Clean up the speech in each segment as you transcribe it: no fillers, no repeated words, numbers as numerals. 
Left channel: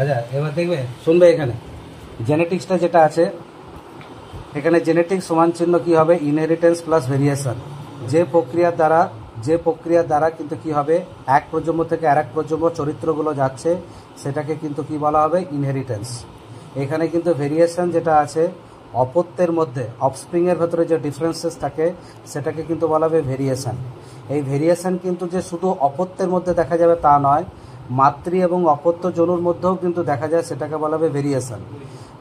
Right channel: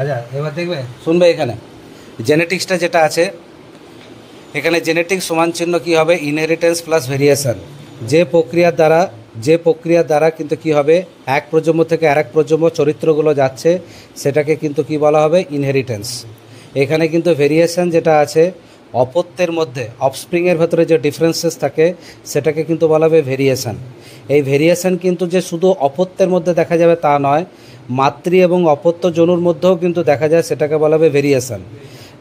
আচ্ছা এবার দেখবে শুনবে এখানে জেনেটিক্সটা যেটা আছে, এখানে জেনেটিক্স সমান চিহ্ন কী হবে, ইনহেরিটেন্স প্লাস ভেরিয়েশন। যে প্রক্রিয়ার দ্বারা কিন্তু কি হবে, এক প্রজন্ম থেকে আরেক প্রজন্ম চরিত্রগুলো যাচ্ছে, সেটাকে কিন্তু কি বলা হবে, ইনহেরিটেন্স। এখানে কিন্তু ভেরিয়েশন যেটা আছে, অপত্যের মধ্যে অফস্প্রিংয়ের ভেতরে যে ডিফারেন্সেস থাকে সেটাকে কিন্তু বলা হবে ভেরিয়েশন। এই ভেরিয়েশন কিন্তু যে শুধু অপত্যের মধ্যে দেখা যাবে তা নয়, মাতৃ এবং অপত্য জনুর মধ্যেও কিন্তু দেখা যায়, সেটাকে বলা হবে ভেরিয়েশন।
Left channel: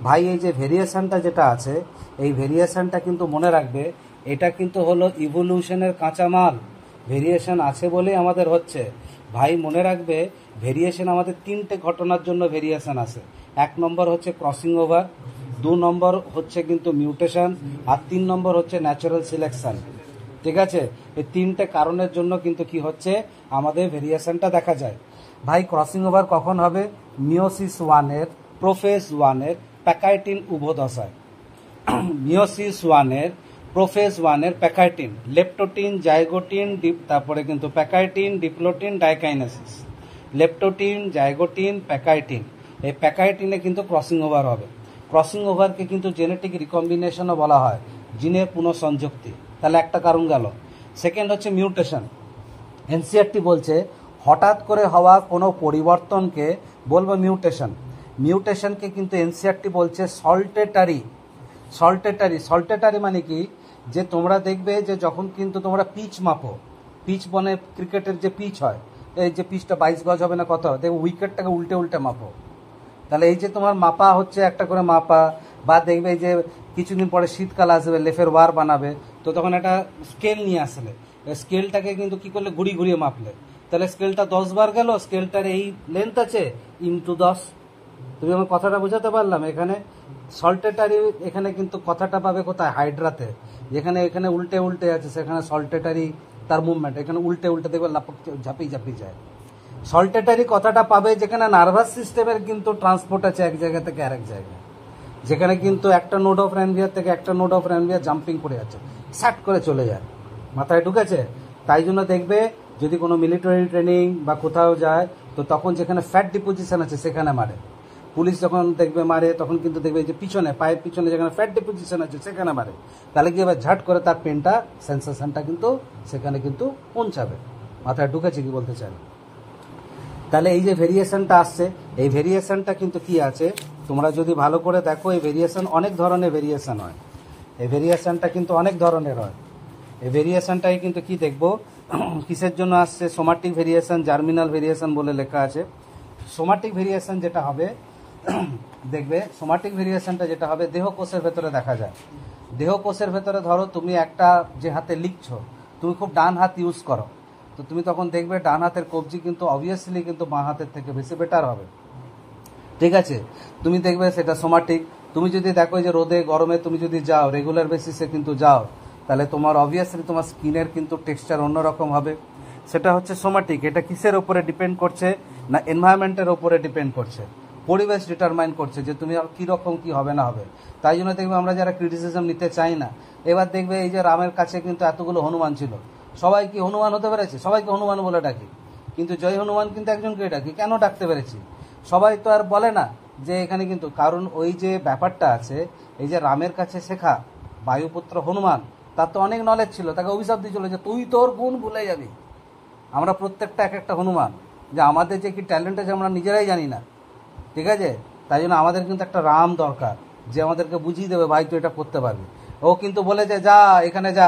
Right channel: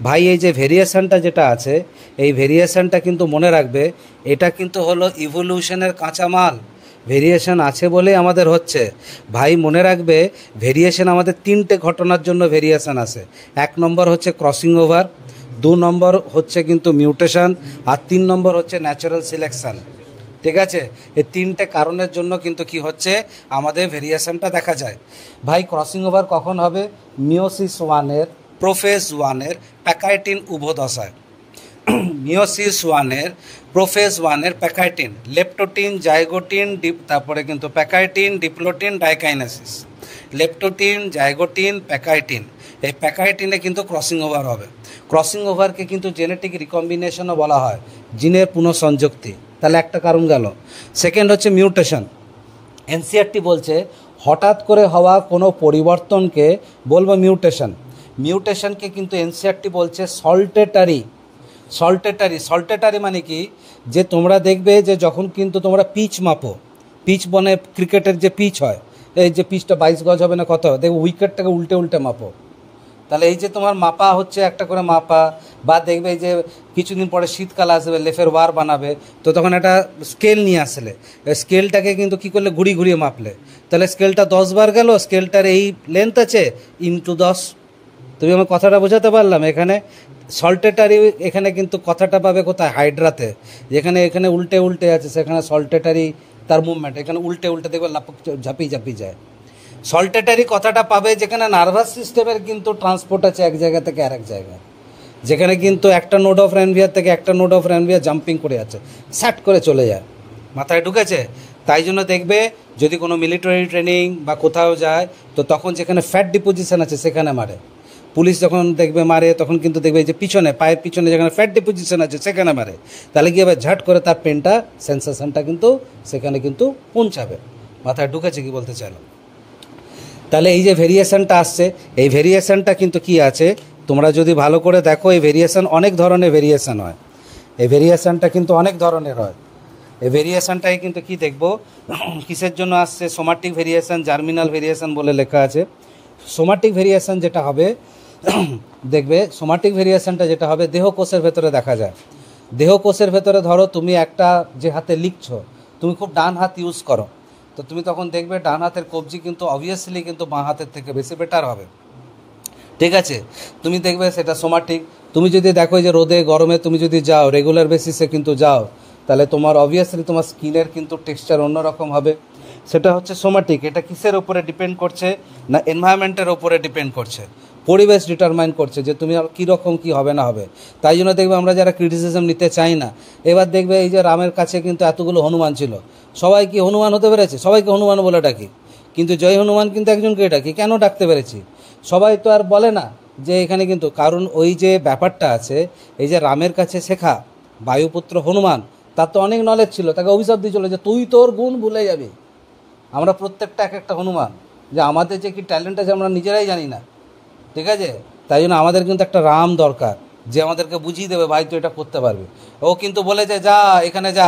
ভাই এই যে ভেরিয়েশনটা যেটা আছে, এই ভেরিয়েশনটা কিন্তু মনে রাখবে, এটা কিন্তু হলো ইভলিউশনের কাঁচামাল। ভেরিয়েশন আছে বলেই আমাদের হচ্ছে। ভাই মনে রাখবে, ভেরিয়েশন আমাদের তিনটে ঘটনার জন্য ভেরিয়েশন আসে। এক নম্বর হচ্ছে ক্রসিং ওভার, দু নম্বর হচ্ছে কিন্তু মিউটেশন, আর তিন নম্বর হচ্ছে ন্যাচারাল সিলেকশন। ঠিক আছে, এই তিনটে কারণের জন্য কিন্তু কি হচ্ছে, আমাদের ভেরিয়েশনটা দেখা যায়। ভাই ক্রসিং ওভার কখন হবে, মিওসিস ওয়ানের, প্রোফেজ ওয়ানের, প্যাকাইটিন উভদশায়। মিওসিস ওয়ানের, প্রোফেজ ওয়ানের প্যাকাইটিন, লেপটোটিন, জাইগোটিন, তারপরে কিন্তু pachytene, diplotene, diakinesis. Leptotene, zygotene, pachytene, এই প্যাকাইটিনে কিন্তু ক্রসিং ওভার হবে। ক্রসিং ওভারকে কিন্তু জেনেটিক রিকম্বিনেশনও বলা হয়, জিনের পুনঃসংযুক্তি। তাহলে একটা কারণ গেল। সেকেন্ড হচ্ছে মিউটেশন। এনসিআরটি বলছে হঠাৎ করে হওয়া কোনো পরিবর্তনকে বলবো মিউটেশন। মিউটেশনকে কিন্তু এনসিআরটি বলছে সল্টেটারি। সল্টেটারি মানে কি, যে তোমরা দেখবে যে যখন কিন্তু তোমরা পিচ মাপো, পিচ বনে ক্রিকেটের যে পিচ হয়, এই যে পিচটা 22 গজ হবে না কত, দেখবে উইকেটটাকে উল্টে উল্টে মাপো। তাহলে এই যে তোমার মাপা হচ্ছে একটা করে মাপা, বা দেখবে যে কিছুদিন পরে শীতকাল আসবে, লেফের ওয়ার বানাবে, তো তখন একটা স্কেল নিয়ে আসলে স্কেলটাকে কিন্তু কী করলে, ঘুরিয়ে মাপলে, তাহলে স্কেলটা 10 বার গেল, স্কেলটার এই লেন্থ আছে ইন্টু 10। তুমি আমার কথাটা বোঝাতে পারলাম? এখানে সল্টেটারি, এখানে কিন্তু কথাটা পাবে কোথায়, হাইড্রাতে, যেখানে এখানে উল্টে উল্টে আছে, সেখানে সল্টেটারি তার মুভমেন্ট, এখানে উল্টে উল্টে দেখবে ঝাঁপিয়ে যায়। সল্টেটারি কথাটা পাবে যেখানে নার্ভাস সিস্টেমের কিন্তু ট্রান্সপোর্ট আছে এক জায়গা থেকে আরেক জায়গায়, যেখানে কিন্তু একটা নোড অফ র্যানভিয়ার থেকে একটা নোড অফ র্যানভিয়ার জাম্পিং করে আছে, স্যাট করে চলে যায়, মাথায় ঢুকেছে। তাই জন্য দেখবে যদি কোনো মিলিটারি ট্রেনিং বা কোথাও যায়, তো তখন যেখানে ফ্যাট ডিপোজিশন আছে সেখানে মারে। পুলিশ যখন দেখবে মারে, তখন কিন্তু দেখবে যে পিছনে, পায়ের পিছনে যেখানে ফ্যাট ডিপোজিশন আছে সেখানে মারে। তাহলে কি এবার ঝাট করে তার পেনটা, সেন্সেশনটা কিন্তু সেখানে কিন্তু পৌঁছাবে। মাথায় ঢুকেছে কি বলতে চাইলাম? তাহলে এই যে ভেরিয়েশনটা আসছে, এই ভেরিয়েশনটা কিন্তু কি আছে, তোমরা যদি ভালো করে দেখো, এই ভেরিয়েশন অনেক ধরনের ভেরিয়েশন হয়। এই ভেরিয়েশনটা কিন্তু অনেক ধরনের হয়। এই ভেরিয়েশনটাই কিন্তু কি দেখবো কিসের জন্য আসছে, সোমাটিক ভেরিয়েশন, জার্মিনাল ভেরিয়েশন বলে লেখা আছে। সোমাটিক ভেরিয়েশন যেটা হবে, দেখবে সোমাটিক ভেরিয়েশনটা যেটা হবে দেহকোষের ভেতরে দেখা যায়। দেহকোষের ভেতরে ধরো তুমি একটা যে হাতে লিখছো, তুমি খুব ডান হাত ইউজ করো, তো তুমি তখন দেখবে ডান হাতের কবজি কিন্তু অবভিয়াসলি কিন্তু বাঁ হাতের থেকে বেশি বেটার হবে। ঠিক আছে, তুমি দেখবে সেটা সোমাটিক। তুমি যদি দেখো যে রোদে গরমে তুমি যদি যাও, রেগুলার বেসিসে কিন্তু যাও, তাহলে তোমার অবভিয়াসলি তোমার স্কিনের কিন্তু টেক্সচার অন্যরকম হবে, সেটা হচ্ছে সোমাটিক। এটা কিসের ওপরে ডিপেন্ড করছে না, এনভায়রনমেন্টের ওপরে ডিপেন্ড করছে, পরিবেশ ডিটারমাইন করছে যে তুমি আর কীরকম কী হবে না হবে। তাই জন্য দেখবে আমরা যারা ক্রিটিসিজম নিতে চাই না, এবার দেখবে এই যে রামের কাছে কিন্তু এতগুলো হনুমান ছিল, সবাই কি হনুমান হতে পেরেছে? সবাইকে হনুমান বলে ডাকি, কিন্তু জয় হনুমান কিন্তু একজনকে ডাকি। কেন ডাকতে পেরেছি? সবাই তো আর বলে না যে এখানে কিন্তু, কারণ ওই যে ব্যাপারটা আছে, এই যে রামের কাছে শেখা বায়ুপুত্র হনুমান, তার তো অনেক নলেজ ছিল, তাকে অভিশাপ দিয়েছিল যে তুই তোর গুণ ভুলে যাবি। আমরা প্রত্যেকটা এক একটা হনুমান, যে আমাদের যে কি ট্যালেন্ট আছে আমরা নিজেরাই জানি না। ঠিক আছে, তাই জন্য আমাদের কিন্তু একটা রাম দরকার, যে আমাদেরকে বুঝিয়ে দেবে ভাই তুই এটা করতে পারবি। ও কিন্তু বলেছে যা এখানে যা,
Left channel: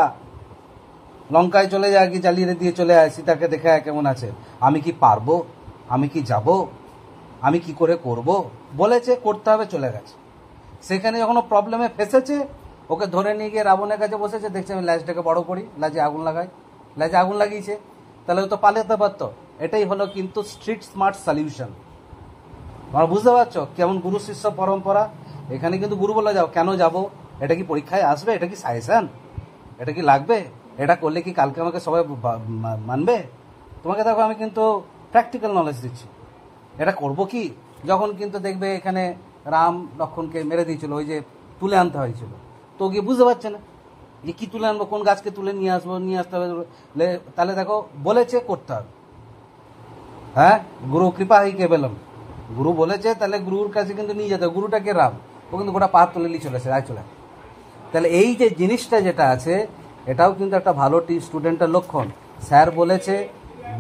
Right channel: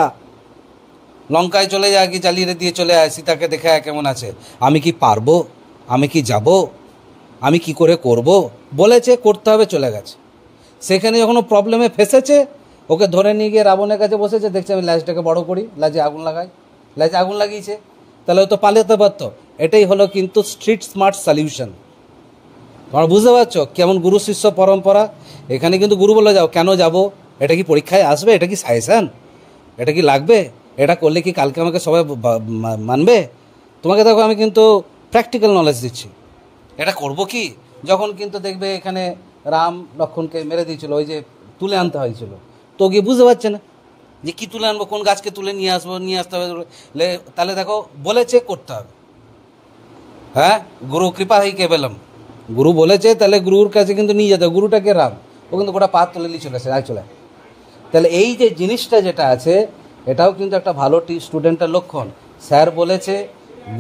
লঙ্কায় চলে যায়, কি জ্বালিয়ে দিয়ে চলে আয়, সীতাকে দেখে আয় কেমন আছে। আমি কি পারবো? আমি কি যাব? আমি কি করে করব? বলেছে, করতে হবে, চলে গেছে। সেখানে যখন প্রবলেমে ফেসেছে, ওকে ধরে নিয়ে গিয়ে রাবণের কাছে বসেছে, দেখছে আমি ল্যাজটাকে বড় করি, ল্যাজে আগুন লাগাই, ল্যাজে আগুন লাগিয়েছে, তাহলে ও তো পালাতে পারত। এটাই হলো কিন্তু স্ট্রিট স্মার্ট সলিউশন। তোমরা বুঝতে পারছো কেমন গুরু শিষ্য পরম্পরা? এখানে কিন্তু গুরু বলে যাও, কেন যাব? এটা কি পরীক্ষায় আসবে? এটা কি সাজেশন? এটা কি লাগবে? এটা করলে কি কালকে আমাকে সবাই মানবে? তোমাকে দেখো আমি কিন্তু প্র্যাকটিক্যাল নলেজ দিচ্ছি। এটা করব কি, যখন কিন্তু দেখবে এখানে রাম লক্ষ্মণকে মেরে দিয়েছিল, ওই যে তুলে আনতে হয়েছিল, তো গিয়ে বুঝতে পারছে না যে কী তুলে আনবো, কোন গাছকে তুলে নিয়ে আসতে হবে। তাহলে দেখো বলেছে করতে হবে। হ্যাঁ, গুরু কৃপা হি কেবলম, গুরু বলেছে, তাহলে গুরুর কাছে কিন্তু নিয়ে যেতে হবে। গুরুটাকে রাম, ও কিন্তু গোটা পা তুলে নিয়ে চলে আসে, আয় চলে। তাহলে এই যে জিনিসটা যেটা আছে, এটাও কিন্তু একটা ভালো স্টুডেন্টের লক্ষণ। স্যার বলেছে,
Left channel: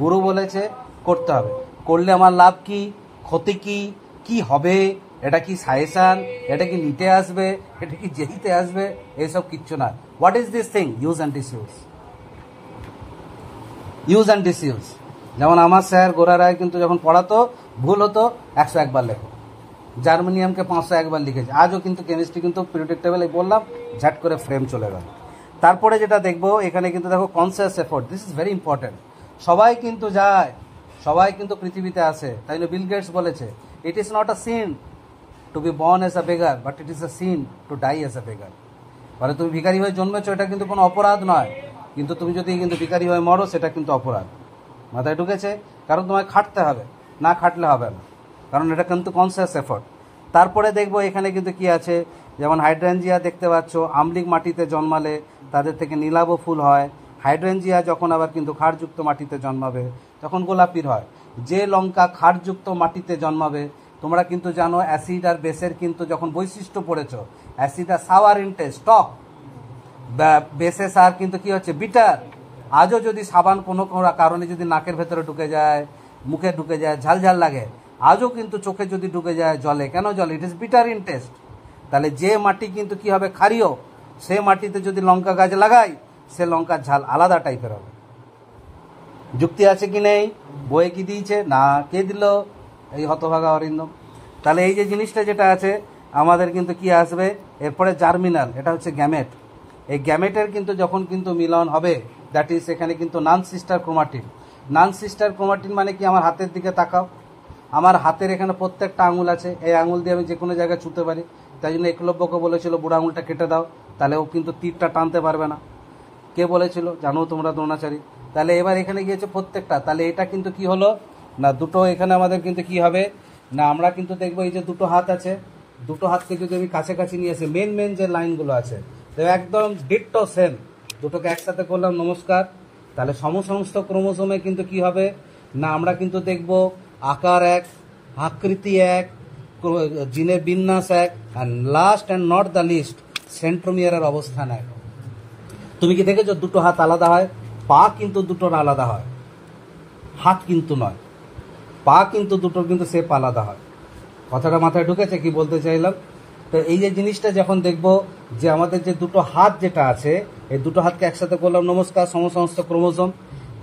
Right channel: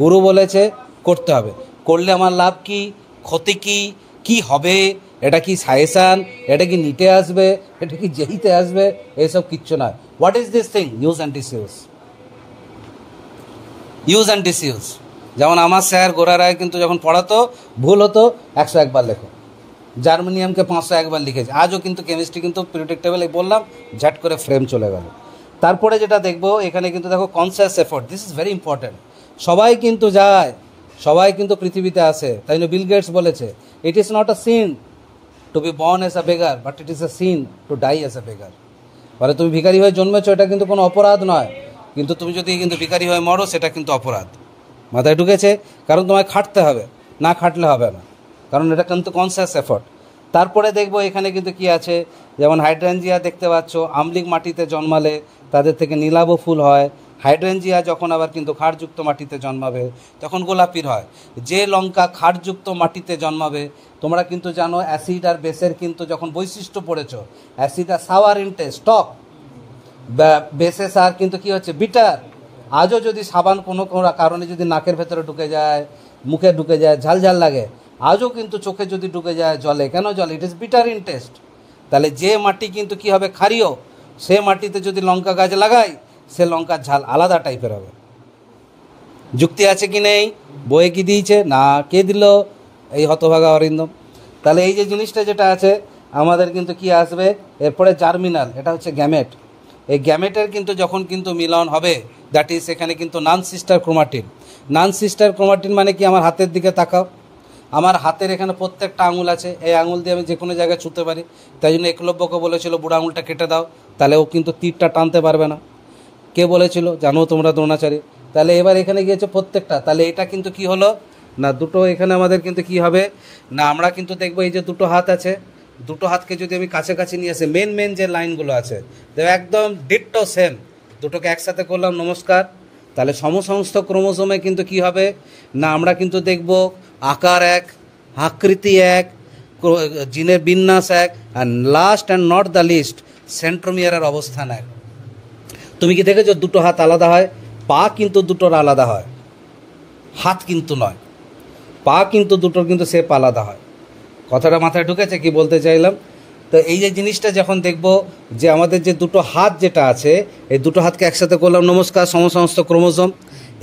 গুরু বলেছে, করতে হবে। করলে আমার লাভ কি, ক্ষতি কি, কি হবে, এটা কি সাজেশান, এটা কি নিটে আসবে, এটা কি জেইতে আসবে, এইসব কিচ্ছু না। What is this thing? Use and disuse. Use and disuse. যেমন আমার স্যার গোরা রায় কিন্তু যখন পড়াতো, ভুল হতো 101 বার লেখো, জার্মানিয়ামকে 501 বার লিখেছে। আজও কিন্তু কেমিস্ট্রি কিন্তু পিরিয়ডিক টেবিলে বললাম, ঝাট করে ফ্রেম চলে গেল। তারপরে যেটা দেখবো এখানে কিন্তু দেখো conscious effort, this is very important. সবাই কিন্তু যায়, সবাই কিন্তু পৃথিবীতে আসে, তাই জন্য বিল গেটস বলেছে, it is not a sin to be born as a beggar, but it is a sin to die as a beggar. মানে তুমি ভিখারি হয়ে জন্মেছো, এটা কিন্তু কোনো অপরাধ নয়, কিন্তু তুমি যদি কিন্তু ভিখারি হয়ে মরো, সেটা কিন্তু অপরাধ। মাথায় ঢুকেছে? কারণ তোমায় খাটতে হবে, না খাটলে হবে না, কারণ এটা কিন্তু কনসিয়াস এফোর্ট। তারপরে দেখবো এখানে কিন্তু কি আছে, যেমন হাইড্রেঞ্জিয়া দেখতে পাচ্ছ, আমলিক মাটিতে জন্মালে তাদের থেকে নীলাভ ফুল হয়। হাইড্রেঞ্জিয়া যখন আবার কিন্তু ক্ষারযুক্ত মাটিতে জন্মাবে তখন গোলাপির হয়। যে লঙ্কা ক্ষারযুক্ত মাটিতে জন্মাবে, তোমরা কিন্তু জানো অ্যাসিড আর বেসের কিন্তু যখন বৈশিষ্ট্য পড়েছো, অ্যাসিড আর সাওয়ার ইন টেস্ট, টক, বেসে সার কিন্তু কি হচ্ছে, বিটার। আজও যদি সাবান কোনো কোনো কারণে যদি নাকের ভেতরে ঢুকে যায়, মুখে ঢুকে যায়, ঝাল ঝাল লাগে, আজও কিন্তু চোখে যদি ঢুকে যায় জলে, কেন জলে? It is bitter in test. তাহলে যে মাটি কিন্তু কি হবে, ক্ষারীয়, সে মাটিতে যদি লঙ্কা গাছ লাগাই, সে লঙ্কার ঝাল আলাদা টাইপের হবে। যুক্তি আছে কি নেই? বইয়ে কি দিয়েছে? না, কে দিল? এই হতভাগা অরিন্দম। তাহলে এই যে জিনিসটা যেটা আছে আমাদের কিন্তু কি আসবে এরপরে, জার্মিনাল, এটা হচ্ছে গ্যামেট। এই গ্যামেটের কিন্তু যখন কিন্তু মিলন হবে, দ্যাট ইজ এখানে কিন্তু নান সিস্টার ক্রোমাটিন। নান সিস্টার ক্রোমাটিন মানে কি? আমার হাতের দিকে তাকাও, আমার হাতের এখানে প্রত্যেকটা আঙুল আছে, এই আঙুল দিয়ে আমি যে কোনো জায়গায় ছুঁতে পারি। তাই জন্য একলব্যকে বলেছিল বুড়ো আঙুলটা কেটে দাও, তাহলে ও কিন্তু তীরটা টানতে পারবে না। কে বলেছিল? জানো তোমরা, দ্রোণাচারী। তাহলে এবার এখানে গিয়েছে প্রত্যেকটা, তাহলে এটা কিন্তু কি হলো না, দুটো এখানে আমাদের কিন্তু কি হবে না, আমরা কিন্তু দেখবো এই যে দুটো হাত আছে, দুটো হাতকে যদি আমি কাছাকাছি নিয়ে আসি, মেন যে লাইনগুলো আছে দেখো একদম ডিট্টো সেম, দুটোকে একসাথে করলাম নমস্কার, তাহলে সমসমস্ত ক্রোমোসোমে কিন্তু কি হবে না, আমরা কিন্তু দেখব আকার এক, আকৃতি এক, জিনের বিন্যাস এক, আর last and not the least সেন্ট্রোমিয়ারের অবস্থান এক। তুমি কি দেখেছো দুটো হাত আলাদা হয়? পা কিন্তু দুটোর আলাদা হয়, হাত কিন্তু নয়। পা কিন্তু দুটোর কিন্তু শেপ আলাদা হয়। কথাটা মাথায় ঢুকেছে কি বলতে চাইলাম? তো এই যে জিনিসটা যখন দেখব যে আমাদের যে দুটো হাত যেটা আছে, এই দুটো হাতকে একসাথে করলাম নমস্কার, সমস্ত ক্রোমোসোম।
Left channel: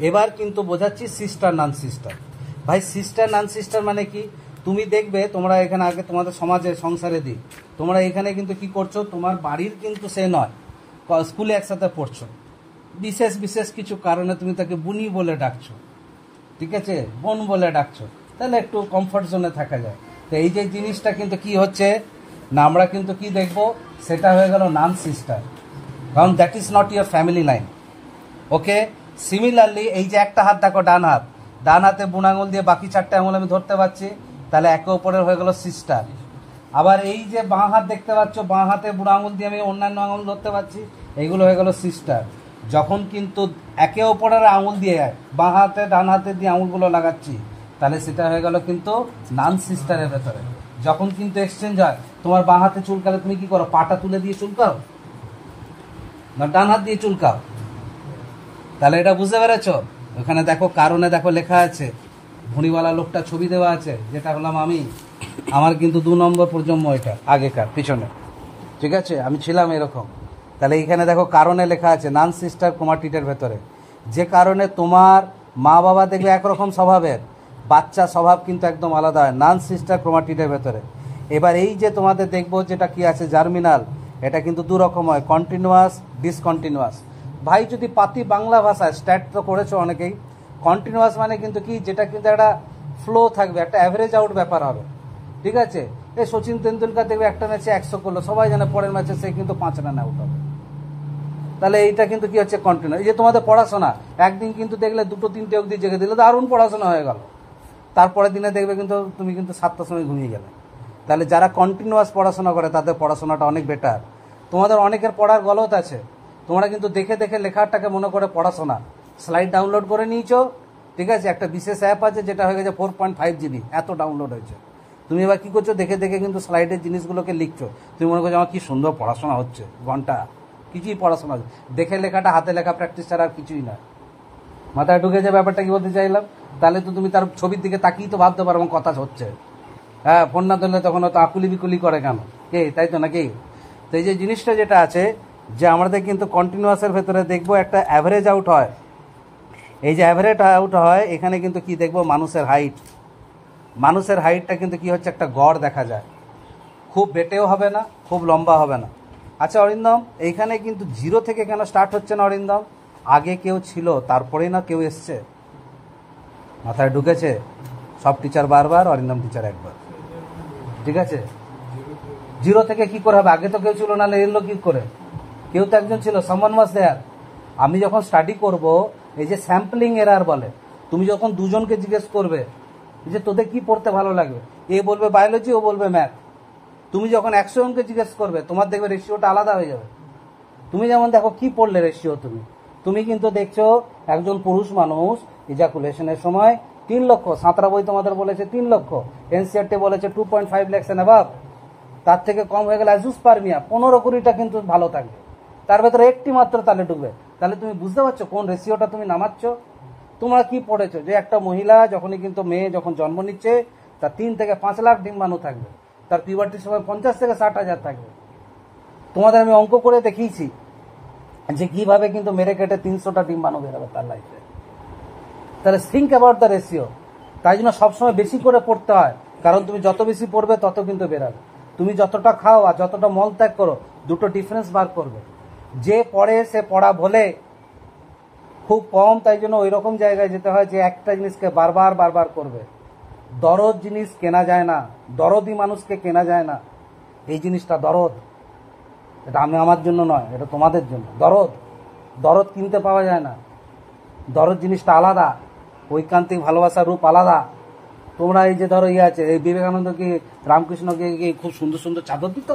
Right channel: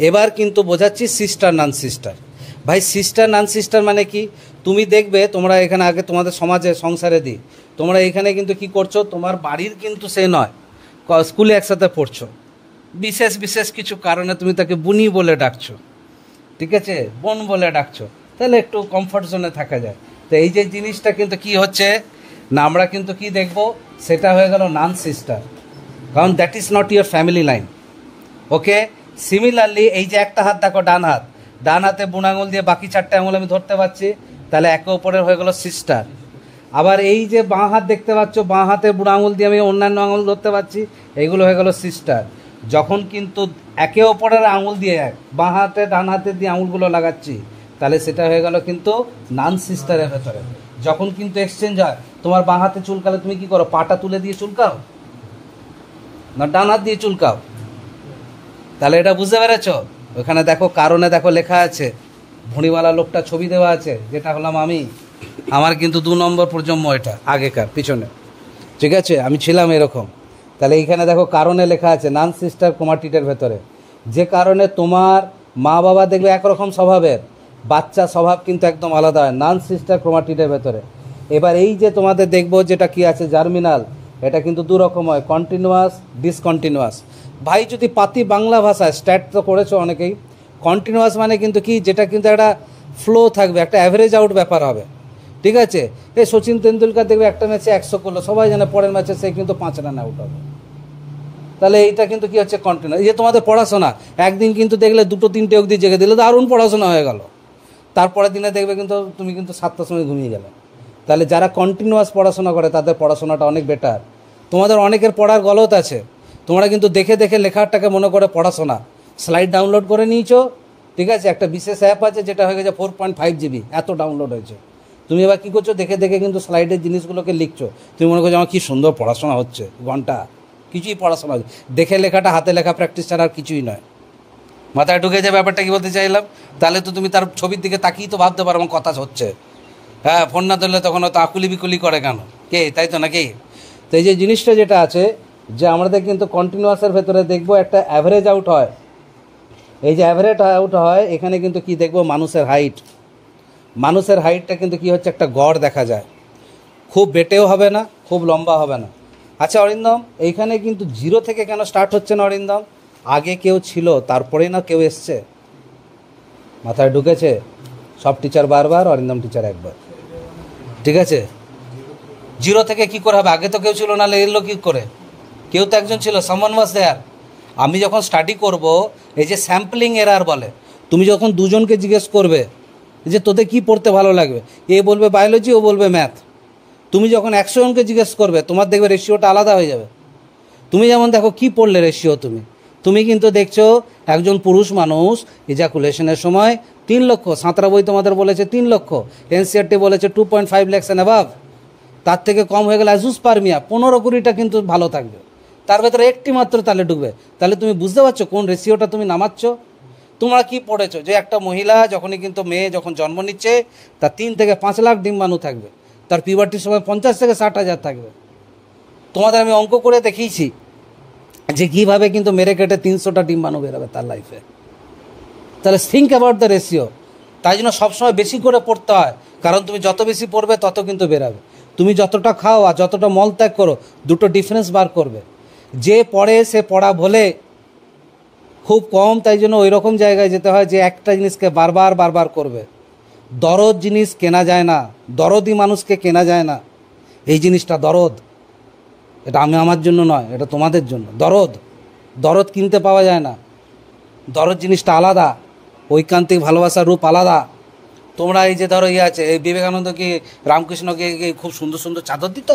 এবার কিন্তু বোঝাচ্ছি সিস্টার নান সিস্টার। ভাই সিস্টার নান সিস্টার মানে কি? তুমি দেখবে তোমরা এখানে আগে তোমাদের সমাজে সংসারে দিই, তোমরা এখানে কিন্তু কি করছো, তোমার বাড়ির কিন্তু সে নয়, স্কুলে একসাথে পড়ছো, বিশেষ কিছু কারণে তুমি তাকে বুনি বলে ডাকছো, ঠিক আছে, বোন বলে ডাকছো, তাহলে একটু কমফর্ট জোনে থাকা যায়। তো এই যে জিনিসটা কিন্তু কি হচ্ছে না, আমরা কিন্তু কি দেখব, সেটা হয়ে গেল নান সিস্টার, কারণ that is not your family line. Okay, similarly এই যে একটা হাত দেখো, ডান হাতে বুড়ো আঙুল দিয়ে বাকি চারটে আঙুল আমি ধরতে পারছি, তাহলে একে অপরের হয়ে গেল সিস্টার। আবার এই যে বাঁ হাত দেখতে পাচ্ছ, বাঁ হাতে বুড়ো আঙুল দিয়ে আমি অন্যান্য আঙুল ধরতে পারছি, এইগুলো হয়ে গেল সিস্টার। যখন কিন্তু একে অপরের আঙুল দিয়ে বাঁ হাতে ডান হাতে দিয়ে আঙুলগুলো লাগাচ্ছি, তাহলে সেটা হয়ে গেল কিন্তু নান সিস্টারের ভেতরে। যখন কিন্তু এক্সচেঞ্জ হয়, তোমার বাঁ হাতে চুলকালে তুমি কি করো, পাটা তুলে দিয়ে চুলকাও না ডান হাত দিয়ে চুলকাও? তাহলে এটা বুঝতে পেরেছ? ওখানে দেখো কারণে দেখো লেখা আছে, ভুঁড়িওয়ালা লোকটা ছবি দেওয়া আছে, যেটা হলাম আমি। আমার কিন্তু 2 নম্বর প্রজন্ম, এটা আগেকার পিছনে, ঠিক আছে, আমি ছিলাম এরকম। তাহলে এইখানে দেখো কারণে লেখা আছে নান সিস্টার ক্রোমাটিডের ভেতরে, যে কারণে তোমার মা বাবা দেখবে একরকম স্বভাবের, বাচ্চা স্বভাব কিন্তু একদম আলাদা হয় নান সিস্টার ক্রোমাটিডের ভেতরে। এবার এই যে তোমাদের দেখবো যেটা কি আছে জার্মিনাল, এটা কিন্তু 2 রকম হয়, কন্টিনিউয়াস, ডিসকন্টিনিউয়াস। ভাই যদি পাতি বাংলা ভাষায়, স্ট্যাট তো করেছো অনেকেই, কন্টিনিউয়াস মানে কিন্তু কি, যেটা কিন্তু একটা ফ্লো থাকবে, একটা অ্যাভারেজ আউট ব্যাপার হবে, ঠিক আছে। এই সচিন তেন্ডুলকার দেখবে একটা ম্যাচে 100 করলো, সবাই জানে পরের ম্যাচে সে কিন্তু 5 রান আউট হবে। তাহলে এইটা কিন্তু কি হচ্ছে, কন্টিনিউ। এই যে তোমাদের পড়াশোনা, একদিন কিন্তু দেখলে 2-3টে অবধি জেগে দিলে দারুণ পড়াশোনা হয়ে গেল, তারপরের দিনে দেখবে কিন্তু তুমি কিন্তু 7টার সময় ঘুমিয়ে গেলে। তাহলে যারা কন্টিনিউয়াস পড়াশোনা করে তাদের পড়াশোনাটা অনেক বেটার। তোমাদের অনেকের পড়ার গলত আছে, তোমরা কিন্তু দেখে লেখাটাকে মনে করে পড়াশোনা, স্লাইড ডাউনলোড করে নিয়েছো, ঠিক আছে, একটা বিশেষ অ্যাপ আছে যেটা হয়ে গেছে 4.5 GB, এত ডাউনলোড হয়েছে, তুমি এবার কী করছো, দেখে দেখে কিন্তু স্লাইডের জিনিসগুলোকে লিখছো। তুমি মনে করছো আমার কী সুন্দর পড়াশোনা হচ্ছে, ঘন্টা কিছুই পড়াশোনা হচ্ছে, দেখে লেখাটা হাতে লেখা প্র্যাকটিস ছাড়া আর কিছুই নয়। মাথায় ঢুকে যায় ব্যাপারটা কী বলতে চাইলাম? তাহলে তো তুমি তার ছবির দিকে তাকিয়ে তো ভাবতে পারো আমার কথা হচ্ছে। হ্যাঁ, ফোন না ধরলে তখন হয়তো আকুলি বিকুলি করে কেন কে, তাই তো নাকি? তো এই যে জিনিসটা যেটা আছে যে আমাদের কিন্তু কন্টিনিউয়াসের ভেতরে দেখবো একটা অ্যাভারেজ আউট হয়। এই যে অ্যাভারেজ আউট হয় এখানে কিন্তু কি দেখবো, মানুষের হাইট। মানুষের হাইটটা কিন্তু কি হচ্ছে, একটা গড় দেখা যায়। খুব বেটেও হবে না, খুব লম্বা হবে না। আচ্ছা অরিন্দম, এইখানে কিন্তু জিরো থেকে কেন স্টার্ট হচ্ছে না অরিন্দম? আগে কেউ ছিল, তারপরেই না কেউ এসছে। মাথায় ঢুকেছে? সব টিচার বারবার, অরিন্দম টিচার একবার। ঠিক আছে, জিরো থেকে কি করে হবে? আগে তো কেউ ছিল, না এলো কী করে? কেউ তো একজন ছিল, সামওয়ান ওয়াজ দেয়ার। আমি যখন স্টাডি করব, এই যে স্যাম্পলিং এরার বলে, তুমি যখন দুজনকে জিজ্ঞেস করবে যে তোদের কি পড়তে ভালো লাগবে, এ বলবে বায়োলজি, ও বলবে ম্যাথ। তুমি যখন 100 জনকে জিজ্ঞেস করবে, তোমার দেখবে রেশিওটা আলাদা হয়ে যাবে। তুমি যেমন দেখো কি পড়লে রেশিও, তুমি কিন্তু দেখছো একজন পুরুষ মানুষ ইজাকুলেশনের সময় 3 লক্ষ, সাঁতরা বই তোমাদের বলেছে 3 লক্ষ, এনসিআরটি বলেছে 2.5 lakhs অ্যান্ড অ্যাবাভ। তার থেকে কম হয়ে গেলে অ্যাজুস্পারমিয়া 15-20টা কিন্তু ভালো থাকবে, তার ভেতরে একটি মাত্র তাহলে ডুববে। তাহলে তুমি বুঝতে পারছো কোন রেশিওটা তুমি নামাচ্ছ। তোমরা কি পড়েছো যে একটা মহিলা যখনই কিন্তু মেয়ে যখন জন্ম নিচ্ছে, তার 3 থেকে 5 লাখ ডিম্বাণু থাকবে, তার পিউবার্টির সময় 50 থেকে 60,000 থাকবে। তোমাদের আমি অঙ্ক করে দেখিয়েছি যে কীভাবে কিন্তু মেরে কেটে 300টা ডিম্বাণু বেরোবে তার লাইফে। তাহলে থিঙ্ক অ্যাবাউট দ্য রেশিও। তাই জন্য সবসময় বেশি করে পড়তে হয়, কারণ তুমি যত বেশি পড়বে তত কিন্তু বেরাবে। তুমি যতটা খাও আর যতটা মল ত্যাগ করো, দুটো ডিফারেন্স বার করবে। যে পড়ে সে পড়া বলে খুব কম, তাই জন্য ওই রকম জায়গায় যেতে হয় যে একটা জিনিসকে বারবার বারবার করবে। দরদ জিনিস কেনা যায় না, দরদি মানুষকে কেনা যায় না। এই জিনিসটা দরদ, এটা আমি আমার জন্য নয়, এটা তোমাদের জন্য। দরদ কিনতে পাওয়া যায় না। দরদ জিনিসটা আলাদা, ঐকান্তিক ভালোবাসার রূপ আলাদা। তোমরা এই যে ধরো আছে, এই বিবেকানন্দ কি রামকৃষ্ণকে কি খুব সুন্দর সুন্দর চাদর দিত?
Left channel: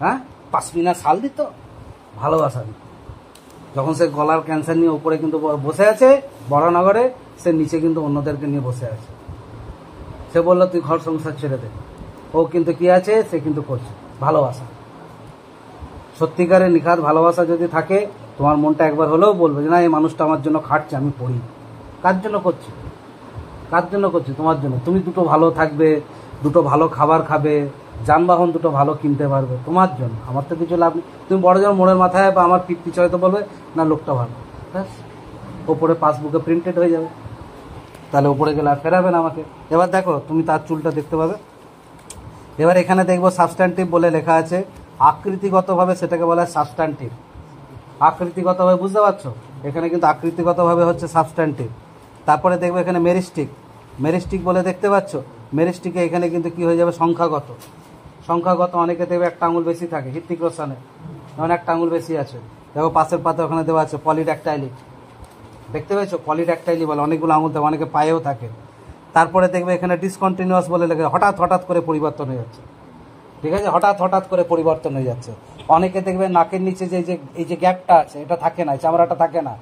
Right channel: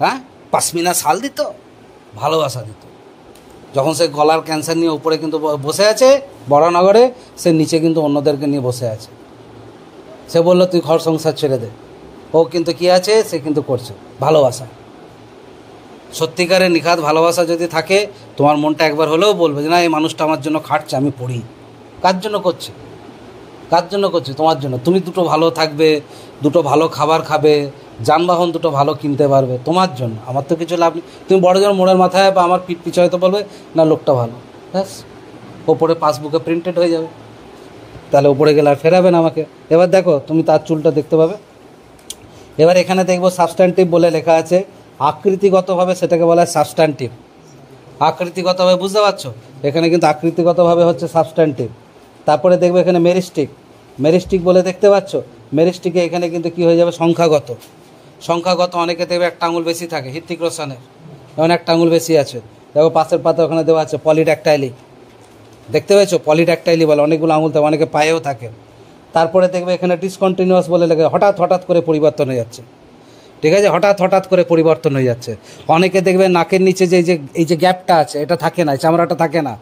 হ্যাঁ, পাশমিনা শাল দিত, ভালোবাসা দিত। যখন সে গলার ক্যান্সার নিয়ে উপরে কিন্তু বসে আছে বড়নগরে, সে নিচে কিন্তু অন্যদেরকে নিয়ে বসে আছে। সে বললো তুই ঘর সংসার ছেড়ে দে, ও কিন্তু কি আছে, সে কিন্তু করছে ভালোবাসা। সত্যিকারের নিখাত ভালোবাসা যদি থাকে, তোমার মনটা একবার হলেও বলবে যে না, এই মানুষটা আমার জন্য খাটছে, আমি পড়ি। কার জন্য করছে? কার জন্য করছে? তোমার জন্য। তুমি দুটো ভালো থাকবে, দুটো ভালো খাবার খাবে, যানবাহন দুটো ভালো কিনতে পারবে, তোমার জন্য। আমার তো কিছু লাভ নেই। তুমি বড়জন মোড়ের মাথায় বা আমার পিঠ পিছনে তো বলবে না লোকটা ভালো, ব্যাস ওপরে পাসবুকে প্রিন্টেড হয়ে যাবে। তাহলে উপরে গেলে আর ফেরাবে না আমাকে। এবার দেখো, তুমি তার চুলটা দেখতে পাবে। এবার এখানে দেখবো সাবস্ট্যান্টিভ বলে লেখা আছে, আকৃতিগতভাবে সেটাকে বলা হয় সাবস্ট্যান্টিভ। আকৃতিগতভাবে বুঝতে পারছো? এখানে কিন্তু আকৃতিগতভাবে হচ্ছে সাবস্ট্যান্টিভ। তারপরে দেখবে এখানে মেরিস্টিক বলে দেখতে পাচ্ছ। মেরিস্টিকে এখানে কিন্তু কি হয়ে যাবে, সংখ্যাগত। অনেকে দেখবে একটা আঙুল বেশি থাকে, হৃত্বিক রোশনের যেমন একটা আঙুল বেশি আছে। দেখো পাশের পাতা ওখানে দেওয়া আছে পলিড্যাকটাইলি, দেখতে পেয়েছো? পলিড্যাকটাইলি বলে, অনেকগুলো আঙুল থাকে, অনেকে পায়েও থাকে। তারপরে দেখবে এখানে ডিসকন্টিনিউয়াস বলে লেগে হঠাৎ করে পরিবর্তন হয়ে যাচ্ছে। ঠিক আছে, হঠাৎ করে পরিবর্তন হয়ে যাচ্ছে। অনেকে দেখবে নাকের নিচে যে এই যে গ্যাপটা আছে, এটা থাকে না, চামড়াটা থাকে না,